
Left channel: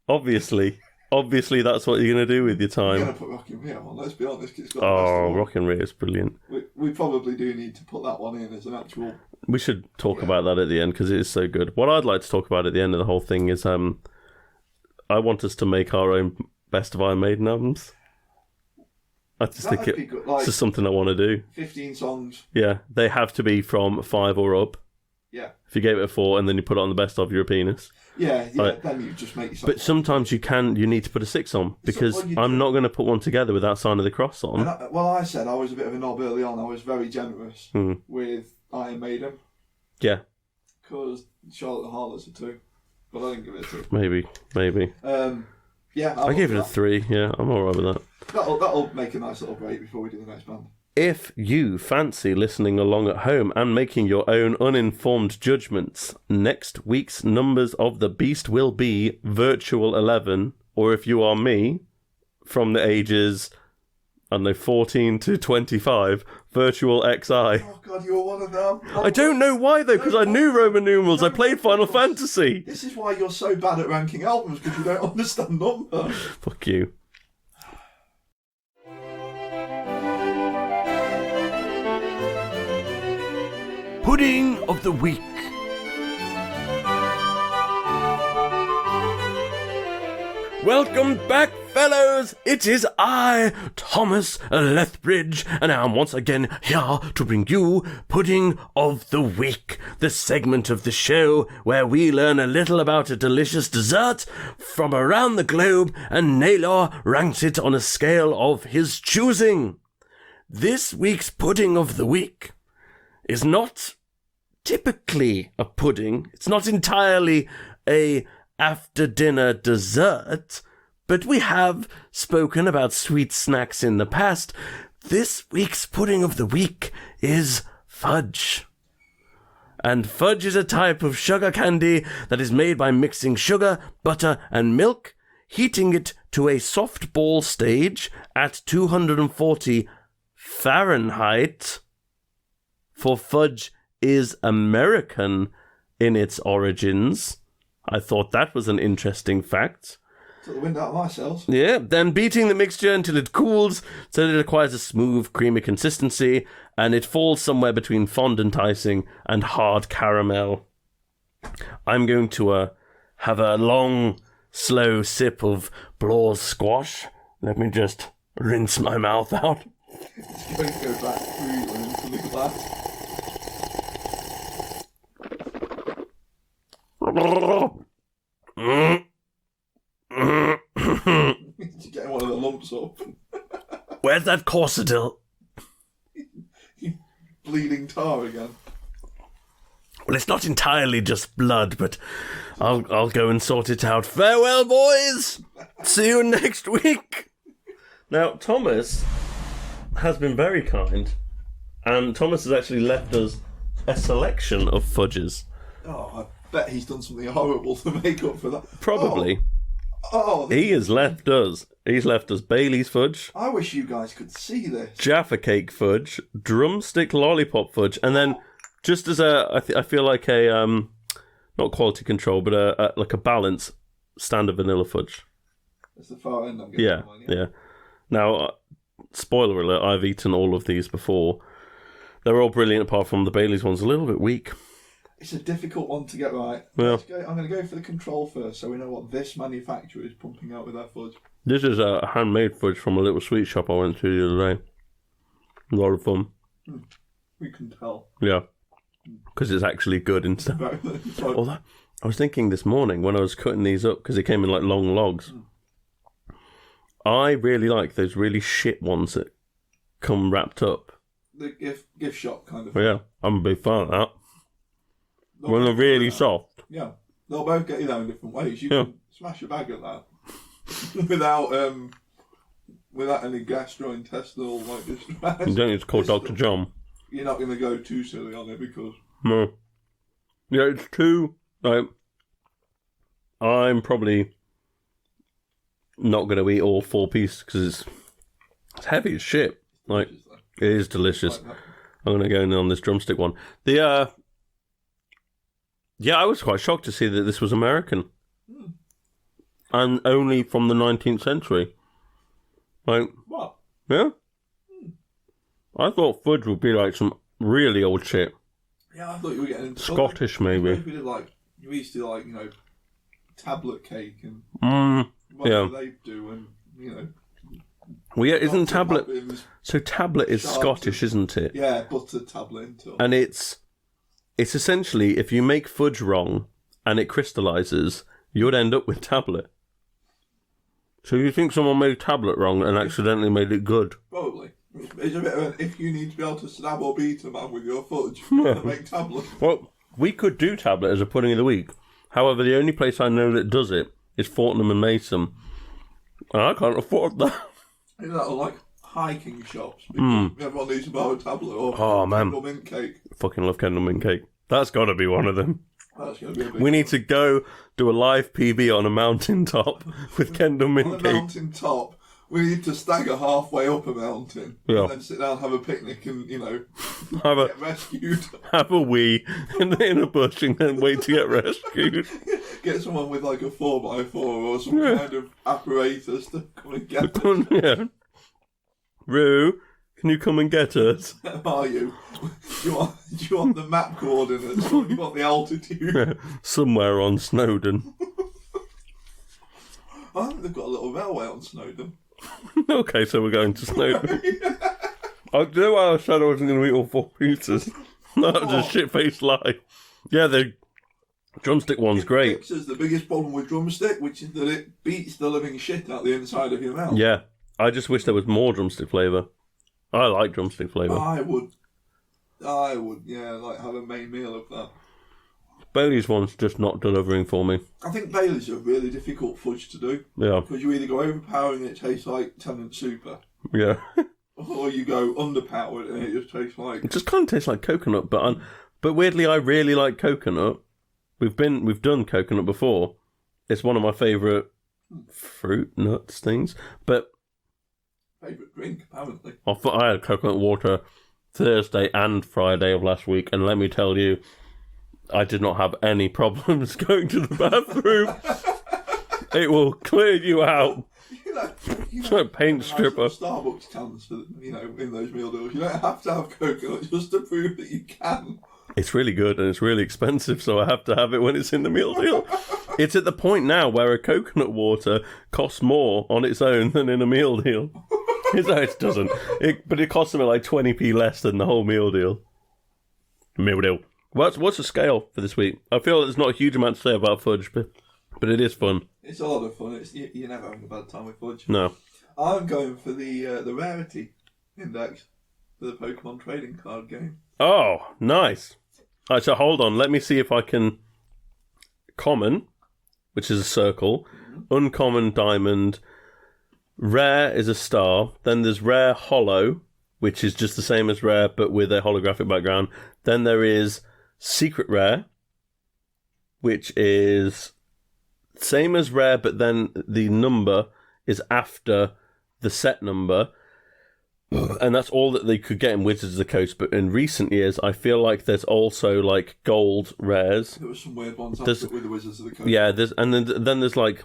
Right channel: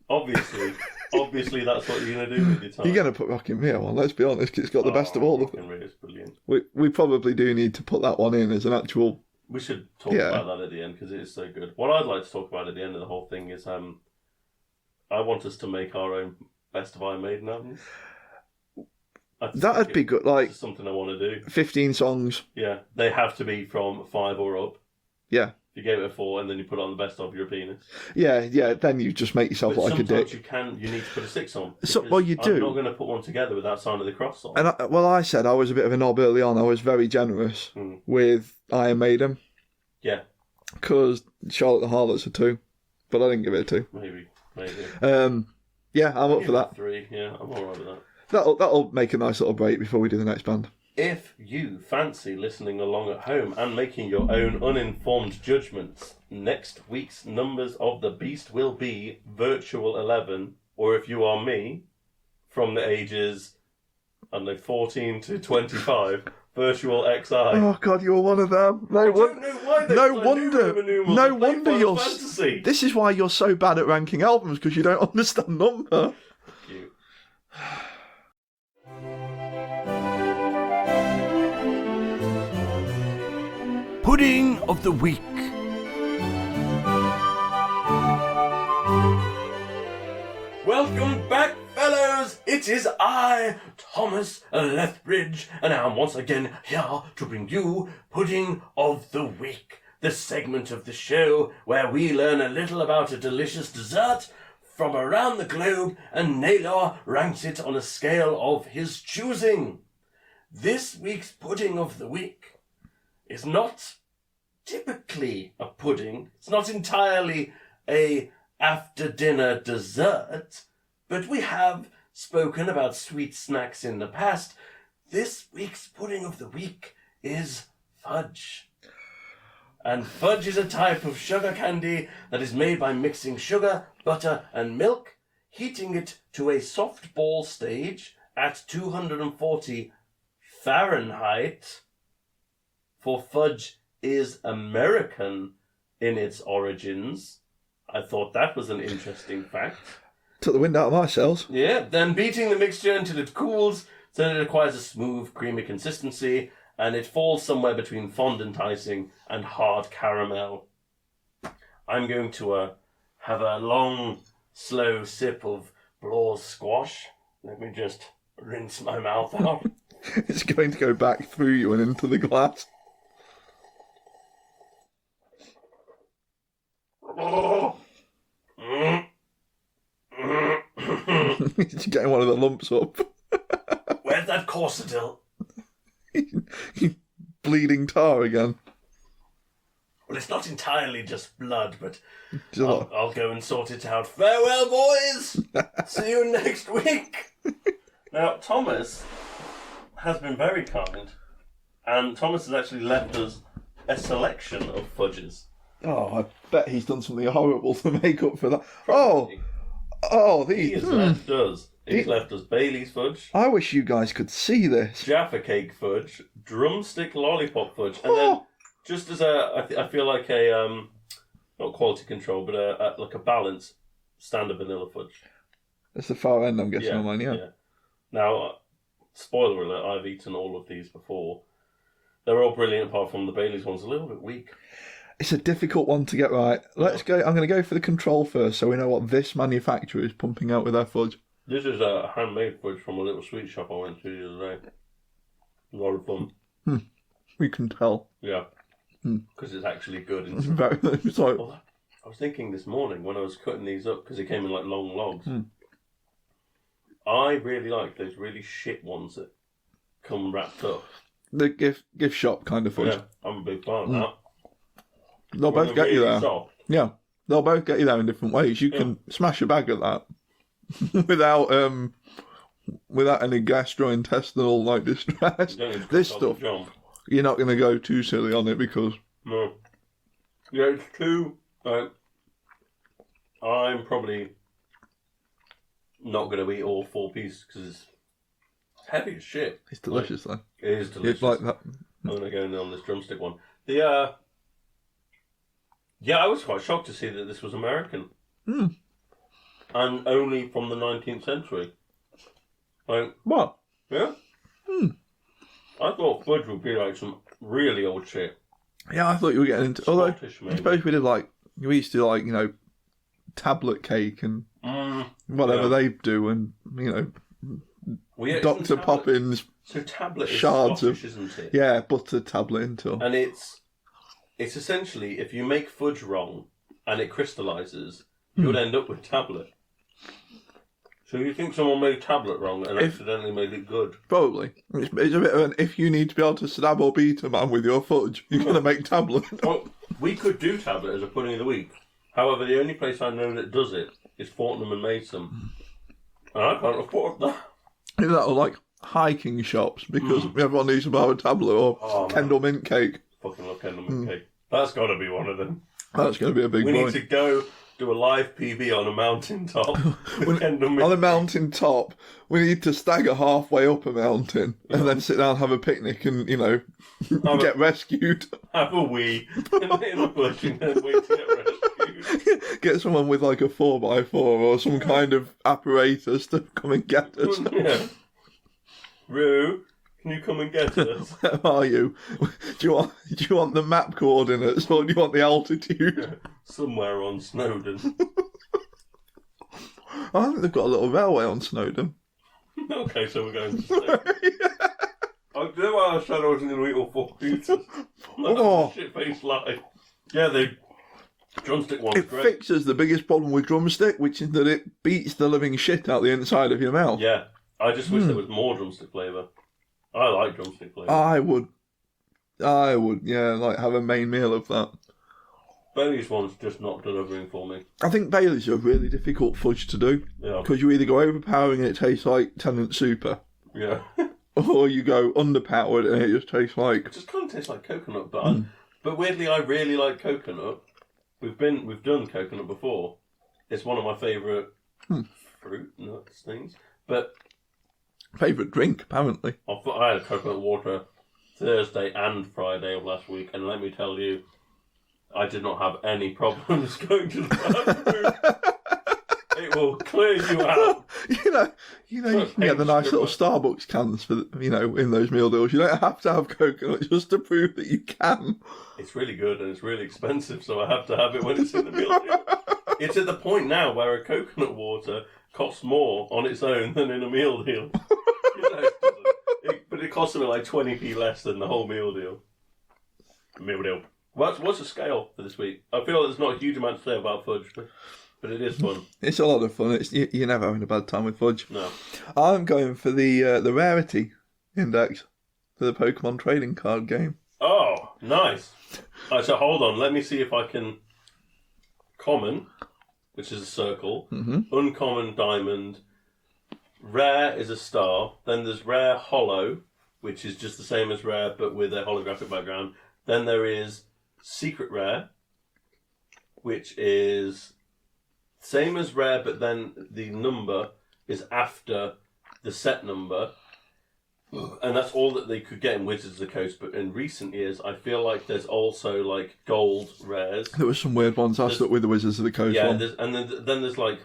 Obviously, that's what you're going to do with your time. You're going to put Rock in Rio on, let's be honest, 'cause it's got the best of all. Rock in Rio is brilliant. We probably do need to put that one in as an actual... We should talk about that at the end, because it is so good. What I'd like to talk about at the end of the whole thing is I want us to make our own best of Iron Maiden albums. That'd be good. Like, it's just something I want to do. 15 songs. Yeah, they have to be from 5 or up. Yeah. If you gave it a 4 and then you put it on the best of, you're a penis. Yeah, then you just make yourself. But like sometimes you need to put a 6 on, because I'm not going to put one together without Sign of the Cross on. And I said I was a bit of a knob early on. I was very generous with Iron Maiden. Yeah. Because Charlotte the Harlot's a 2. But I didn't give it a 2. Maybe. Yeah, I gave it a 3. Yeah, I'm alright with that. That'll make a nice little break before we do the next band. If you fancy listening along at home and making your own uninformed judgments, next week's numbers of the Beast will be Virtual 11, or if you are me, from the ages, 14 to 25, Virtual XI. Oh God, you were one of them. I don't know why though, because I knew Roman numerals. I played Final Fantasy. This is why you're so bad at ranking albums, because you don't understand numbers. Fuck you. Pudding of the Week. Welcome back, fellows! It is I, Thomas Lethbridge, and I am once again here to bring you Pudding of the Week, the segment of the show where we learn a little about a delicious dessert from around the globe, and Naylor ranks it on a scale of his choosing. This week's Pudding of the Week is not typically a pudding. It's not entirely a after-dinner dessert, but we have spoken about sweet snacks in the past. This week's Pudding of the Week is fudge. And fudge is a type of sugar candy that is made by mixing sugar, butter, and milk, heating it to a soft ball stage at 240 Fahrenheit. For fudge is American in its origins. I thought that was an interesting fact. Took the wind out of my sails. Yeah, then beating the mixture until it cools, so that it acquires a smooth, creamy consistency, and it falls somewhere between fondant icing and hard caramel. I'm going to have a long, slow sip of Blaw's squash. Let me just rinse my mouth out. It's going to go back through you and into the glass. He's getting one of the lumps up. Where's that corsetil? Bleeding tar again. Well, it's not entirely just blood, but I'll go and sort it out. Farewell, boys! See you next week! Now, Thomas has been very kind, and Thomas has actually left us a selection of fudges. Oh, I bet he's done something horrible to make up for that. Probably. He has left us. He's left us Bailey's fudge. I wish you guys could see this. Jaffa cake fudge, drumstick lollipop fudge, and then just as I feel like a not quality control, but like a balance, standard vanilla fudge. That's the far end, I'm guessing, on mine. Yeah. Now, spoiler alert: I've eaten all of these before. They're all brilliant, apart from the Bailey's one's a little bit weak. It's a difficult one to get right. Let's go. I'm going to go for the control first, so we know what this manufacturer is pumping out with their fudge. This is a handmade fudge from a little sweet shop I went to the other day. A lot of fun. We can tell. Yeah, because it's actually good. I was thinking this morning when I was cutting these up, because they came in like long logs. I really like those really shit ones that come wrapped up. The gift shop kind of fudge. Yeah, I'm a big fan of that. They'll When both they're get you really there. soft. Yeah, they'll both get you there in different ways. You can smash a bag of that without any gastrointestinal like distress. You don't need to call This Dr. stuff, John. You're not going to go too silly on it because No. Yeah, it's too... Like, I'm probably not going to eat all 4 pieces because it's heavy as shit. it's delicious though. It is delicious. It's like that. I'm going to go in on this drumstick one. Yeah, I was quite shocked to see that this was American. And only from the 19th century. Like, What? yeah? I thought fudge would be like some really old shit. Yeah, I thought you were getting into Scottish, maybe. Suppose we did we used to tablet cake and whatever they do, and Well, yeah, isn't Dr. tablet... Poppins, So tablet is shards Scottish, isn't it? yeah, butter tablet into. And it's essentially, if you make fudge wrong and it crystallises, you would end up with tablet. So you think someone made tablet wrong and accidentally made it good? Probably. It's a bit of an, if you need to be able to stab or beat a man with your fudge, you're going to make tablet. Well, we could do tablet as a pudding of the week. However, the only place I know that does it is Fortnum and Mason. And I can't afford that. Is that like hiking shops? Because everyone needs to buy a tablet or Kendall mint cake. Fucking love Kendall mint cake. That's got to be one of them. That's going to be a big We one. need to go do a live PB on a mountain top with Kendall mint On a cake. mountain top, we need to stagger halfway up a mountain and then sit down and have a picnic and, get rescued. Have a wee in a bush and then wait to get rescued. Get someone with like a 4x4 or some kind of apparatus to come and get us. Yeah. Roo, can you come and get us? Where are you? Do you want the map coordinates or do you want the altitude? Somewhere on Snowdon. I think they've got a little railway on Snowdon. Okay, so we're going to Snowdon. I do know why I said I wasn't going to eat all 4 pieces. That was a shit-faced lie. Yeah, the drumstick one's great. It fixes the biggest problem with drumstick, which is that it beats the living shit out the inside of your mouth. Yeah, I just wish there was more drumstick flavour. I like drumstick flavour. I would, have a main meal of that. Bailey's one's just not delivering for me. I think Bailey's a really difficult fudge to do. Yeah. Because you either go overpowering and it tastes like Tennant Super, Yeah. or you go underpowered and it just tastes like... It just kind of tastes like coconut, but but weirdly I really like coconut. We've done coconut before. It's one of my favourite fruit nuts things. But Favourite drink, apparently. I had coconut water Thursday and Friday of last week, and let me tell you, I did not have any problems going to the bathroom. It will clear you out. You get the nice little Starbucks cans for in those meal deals. You don't have to have coconut just to prove that you can. It's really good and it's really expensive, so I have to have it when it's in the meal deal. It's at the point now where a coconut water costs more on its own than in a meal deal. It doesn't. But it costs about like 20p less than the whole meal deal. Meal deal. What's the scale for this week? I feel there's not a huge amount to say about fudge, but it is fun. It's a lot of fun. You're never having a bad time with fudge. No. I'm going for the rarity index for the Pokemon trading card game. Oh, nice. Alright, so hold on. Let me see if I can... Common, which is a circle. Uncommon, diamond. Rare is a star. Then there's rare holo, which is just the same as rare, but with a holographic background. Then there is secret rare, which is same as rare, but then the number is after the set number. And that's all that they could get in Wizards of the Coast. But in recent years, I feel like there's also like gold rares. There were some weird ones I stuck with the Wizards of the Coast. Yeah, and then there's like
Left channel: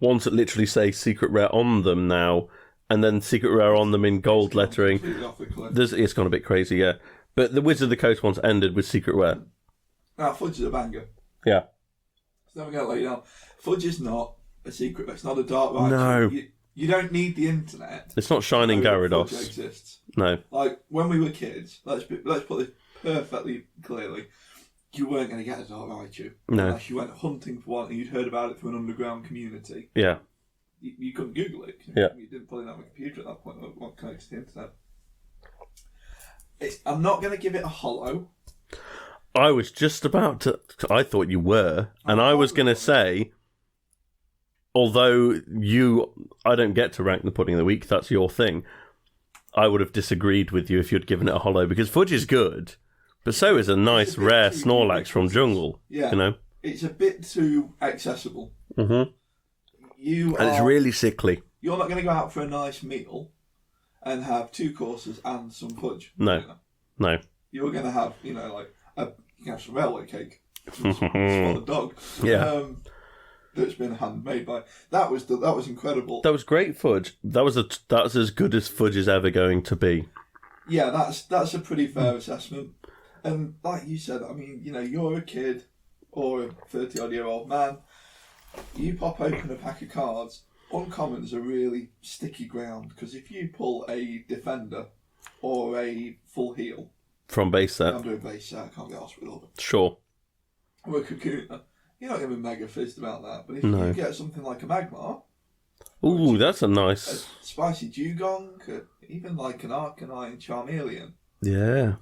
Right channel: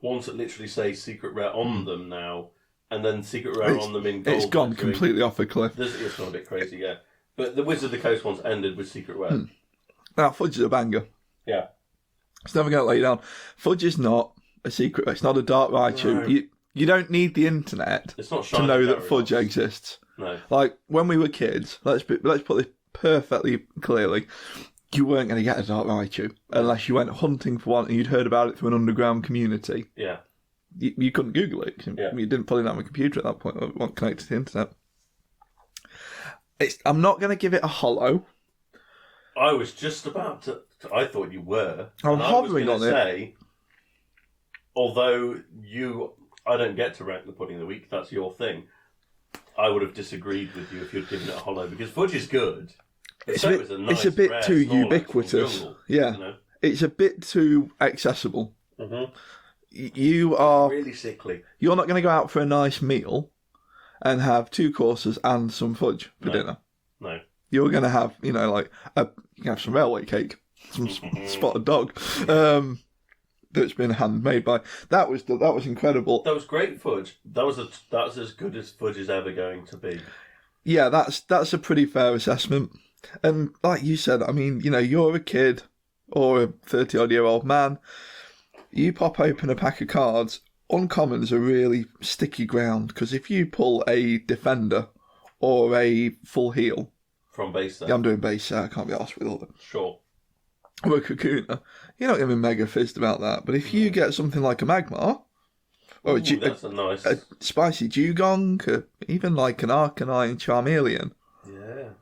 ones that literally say secret rare on them now, and then secret rare on them in gold it's gone lettering. Completely off a cliff. It's gone a bit crazy, yeah. But the Wizards of the Coast ones ended with secret rare. Now, fudge is a banger. Yeah. It's never going to let you down. Fudge is not a secret. It's not a dark Raichu. No. You don't need the internet. It's not to Shining know that Gyarados. fudge exists. No. Like when we were kids, let's put this perfectly clearly. You weren't going to get a dark Raichu unless you went hunting for one and you'd heard about it from an underground community. Yeah. You couldn't Google it. Yeah. You didn't pull it out of a computer at that point. It wasn't connected to the internet. I'm not going to give it a hollow. I was just about to... I thought you were. And I was going to say, although I don't get to rank the pudding of the week, that's your thing, I would have disagreed with you if you'd given it a hollow, because fudge is good, but so is a nice rare Snorlax from Jungle. Yeah. You know? It's a bit too accessible. Mm-hmm. It's really sickly. You're not going to go out for a nice meal and have 2 courses and some fudge for dinner. No. You're going to have, you can have some railway cake, some spotted dog, that's been handmade by. That was incredible. That was great fudge. That's as good as fudge is ever going to be. Yeah, that's a pretty fair assessment. And like you said, I mean, you're a kid or a 30-odd-year-old man. You pop open a pack of cards. Uncommons are really sticky ground, because if you pull a defender or a full heal from base set, I'm doing base set. I can't be arsed with all of it. Sure. Or a Kakuna, you're not going to be mega fizzed about that. But if you get something like a Magmar, that's a nice spicy Dugong, even like an Arcanine Charmeleon. Yeah.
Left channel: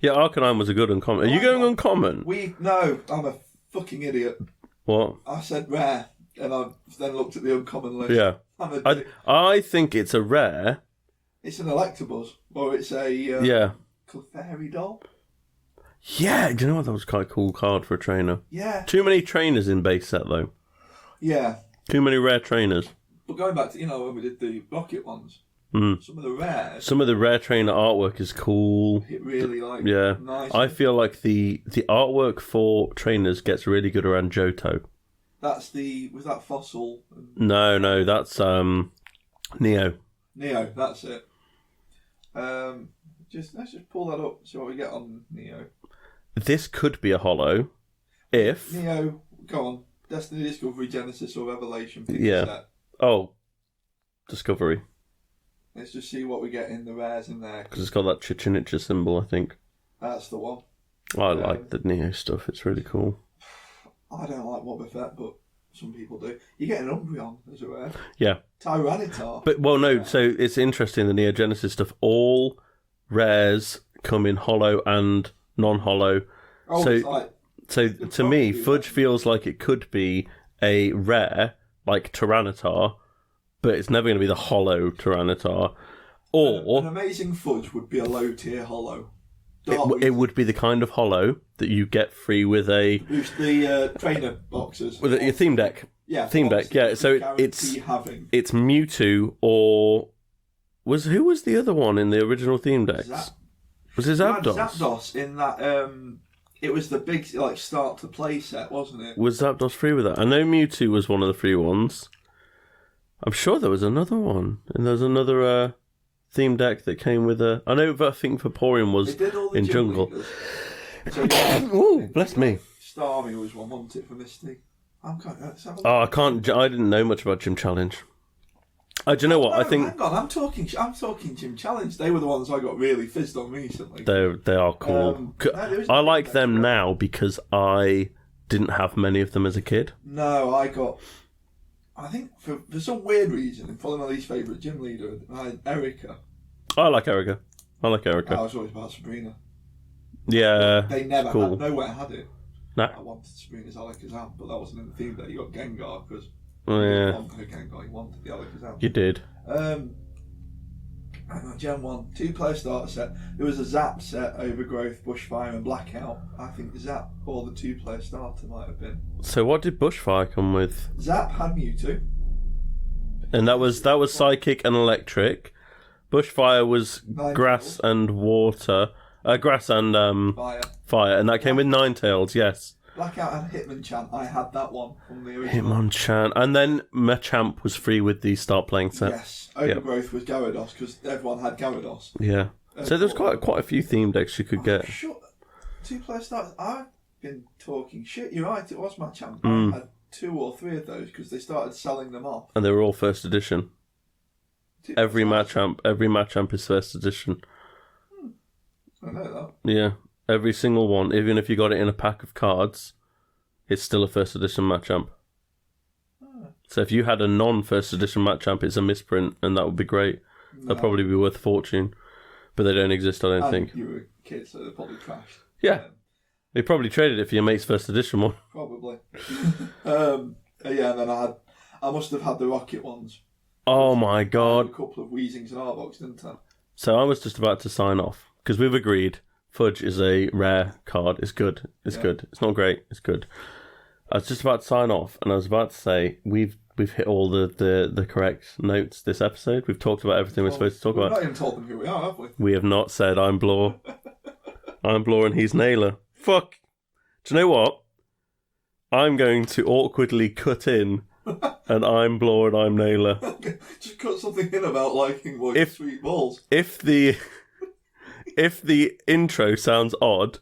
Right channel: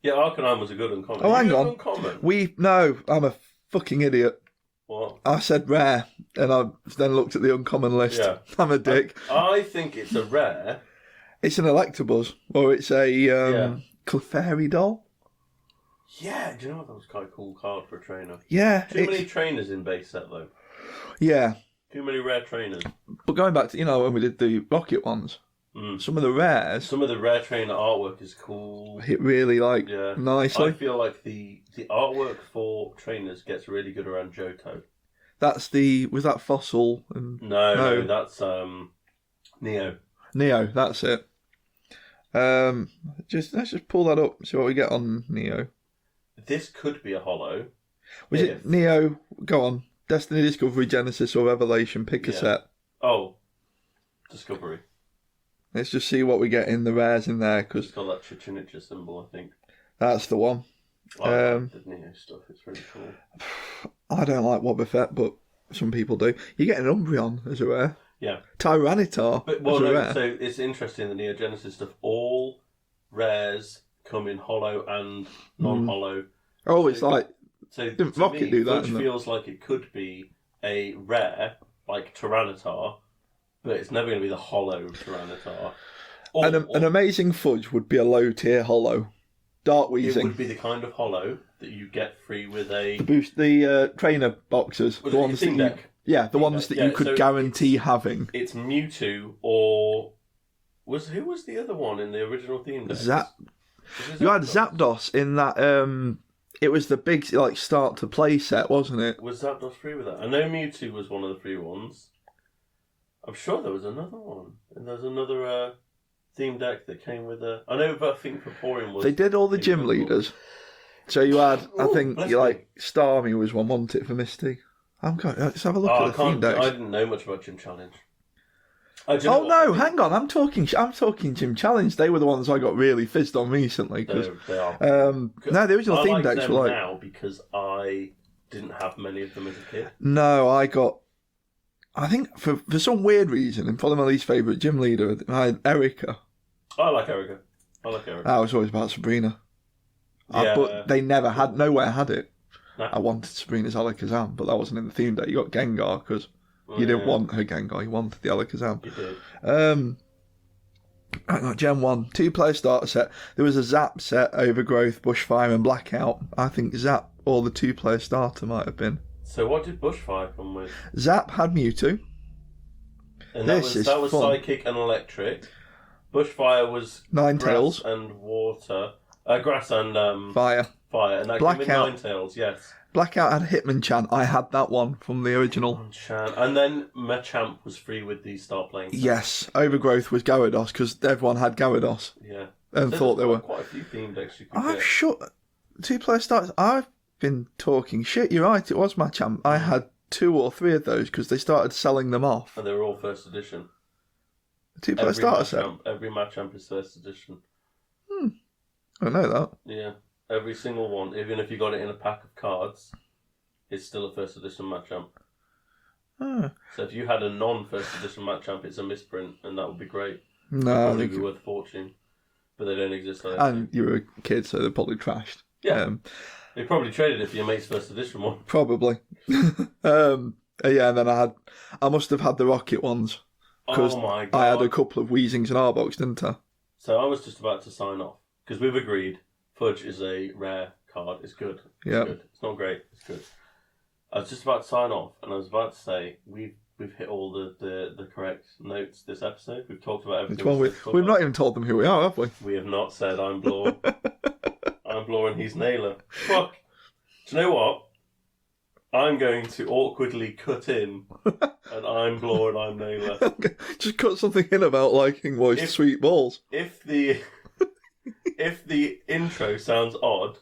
Yeah, Arcanine was a good uncommon. Are you going uncommon? No, I'm a fucking idiot. What? I said rare, and I then looked at the uncommon list. Yeah. I'm a dick. I think it's a rare. It's an Electabuzz, or it's a Clefairy doll. Yeah, do you know what? That was quite a cool card for a trainer. Yeah. Too many trainers in base set, though. Yeah. Too many rare trainers. But going back to, when we did the Rocket ones, some of the rares... Some of the rare trainer artwork is cool. It really, nicely. I feel like the artwork for trainers gets really good around Johto. Was that Fossil? No, that's Neo. Neo, that's it. Let's just pull that up, see what we get on Neo. This could be a hollow. Neo, go on. Destiny, Discovery, Genesis, or Revelation, pick a set. Oh, Discovery. Let's just see what we get in the rares in there. Because it's got that Chichen Itza symbol, I think. That's the one. I like the Neo stuff, it's really cool. I don't like Wobbuffet, but some people do. You get an Umbreon as a rare. Yeah. Tyranitar. But so it's interesting, the Neo Genesis stuff. All rares come in hollow and non-hollow. Oh, it's like... So to me, fudge feels like it could be a rare, like Tyranitar, but it's never going to be the hollow Tyranitar. Or an amazing fudge would be a low-tier hollow. It would be the kind of hollow that you get free with a... The trainer boxes. With your theme deck. The ones that you could guarantee having. It's Mewtwo or... Who was the other one in the original theme deck? Was it Zapdos? Zapdos in that... It was the big start to play set, wasn't it? Was Zapdos free with that? I know Mewtwo was one of the free ones. I'm sure there was another one. And there's another... theme deck that came with a... I know, but I think Vaporeon was... They did all the gym Jungle. leaders. So you had, I think, Starmie was one, wasn't it, for Misty? Let's have a look at the theme decks. I didn't know much about Gym Challenge. Do you know what? No, hang on. I'm talking Gym Challenge. They were the ones I got really fizzed on recently. They are cool. No, the original I theme like decks them now because I didn't have many of them as a kid. No, I think for some weird reason, and probably my least favourite gym leader, I had Erica. I like Erica. I was always about Sabrina. Yeah. They never had, nowhere had it. Nah. I wanted Sabrina's Alakazam, but that wasn't in the theme deck. You got Gengar because you didn't want her Gengar, you wanted the Alakazam. You did. I got Gen 1, 2-player starter set. There was a Zap set, Overgrowth, Bushfire, and Blackout. I think Zap or the 2-player starter might have been. So what did Bushfire come with? Zap had Mewtwo. And that was Psychic and Electric. Bushfire was grass and water. Grass and fire. And that came with Ninetales, yes. Blackout had Hitmonchan. I had that one from the original. Hitmonchan. And then Machamp was free with the start playing set. Yes. Overgrowth was Gyarados because everyone had Gyarados. Yeah. So there's quite a few theme decks you could get. Sure. 2-player starters. I've been talking shit. You're right. It was Machamp. I had 2 or 3 of those because they started selling them off. And they were all first edition. Every Machamp is first edition. I know that. Yeah, every single one. Even if you got it in a pack of cards, it's still a first edition Machamp. So if you had a non-first edition Machamp, it's a misprint, and that would be great. That'd probably be worth a fortune. But they don't exist, I don't and think. you were a kid, so they're probably trashed. Yeah. They probably traded it for your mate's first edition one. Probably. And then I must have had the rocket ones. Oh my God. I had a couple of Weezings and Arbogs, didn't I? So I was just about to sign off, because we've agreed Fudge is a rare card. It's good. It's good. It's not great. It's good. I was just about to sign off, and I was about to say, we've hit all the correct notes this episode. We've talked about everything we're supposed to talk about. We've not even told them who we are, have we? We have not said I'm Blore. I'm Blore and he's Naylor. Fuck. Do you know what? I'm going to awkwardly cut in and I'm Blore and I'm Naylor. Okay. Just cut something in about liking moist sweet balls. If the intro sounds odd,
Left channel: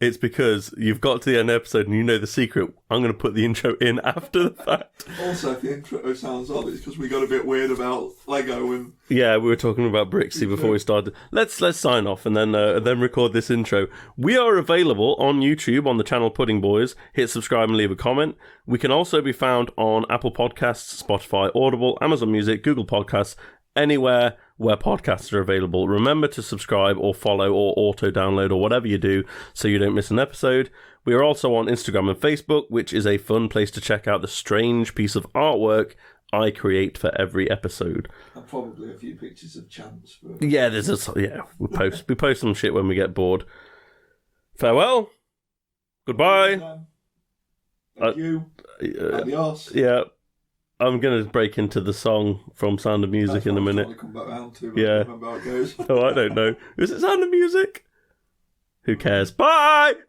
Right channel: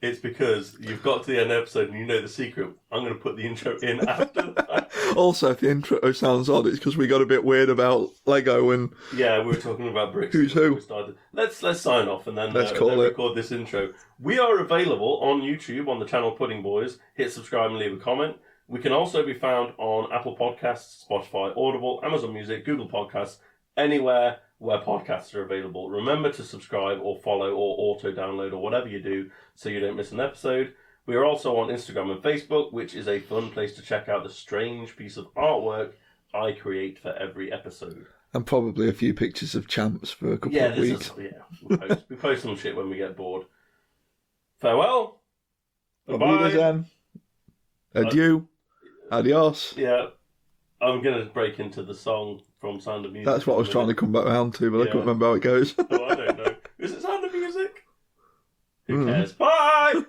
it's because you've got to the end of the episode and you know the secret. I'm going to put the intro in after the fact. Also, if the intro sounds odd, it's because we got a bit weird about Lego and... Yeah, we were talking about Brixie before we started. Let's sign off and then record this intro. We are available on YouTube on the channel Pudding Boys. Hit subscribe and leave a comment. We can also be found on Apple Podcasts, Spotify, Audible, Amazon Music, Google Podcasts, anywhere where podcasts are available. Remember to subscribe or follow or auto-download or whatever you do so you don't miss an episode. We are also on Instagram and Facebook, which is a fun place to check out the strange piece of artwork I create for every episode. And probably a few pictures of Chimps for a couple of weeks. We post some shit when we get bored. Farewell. Goodbye. Adieu. Adios. Yeah. I'm going to break into the song from Sound of Music That's what in a I was minute. trying to come back around to, but I can't remember how it goes. Oh, I don't know. Is it Sound of Music? Who cares? Bye!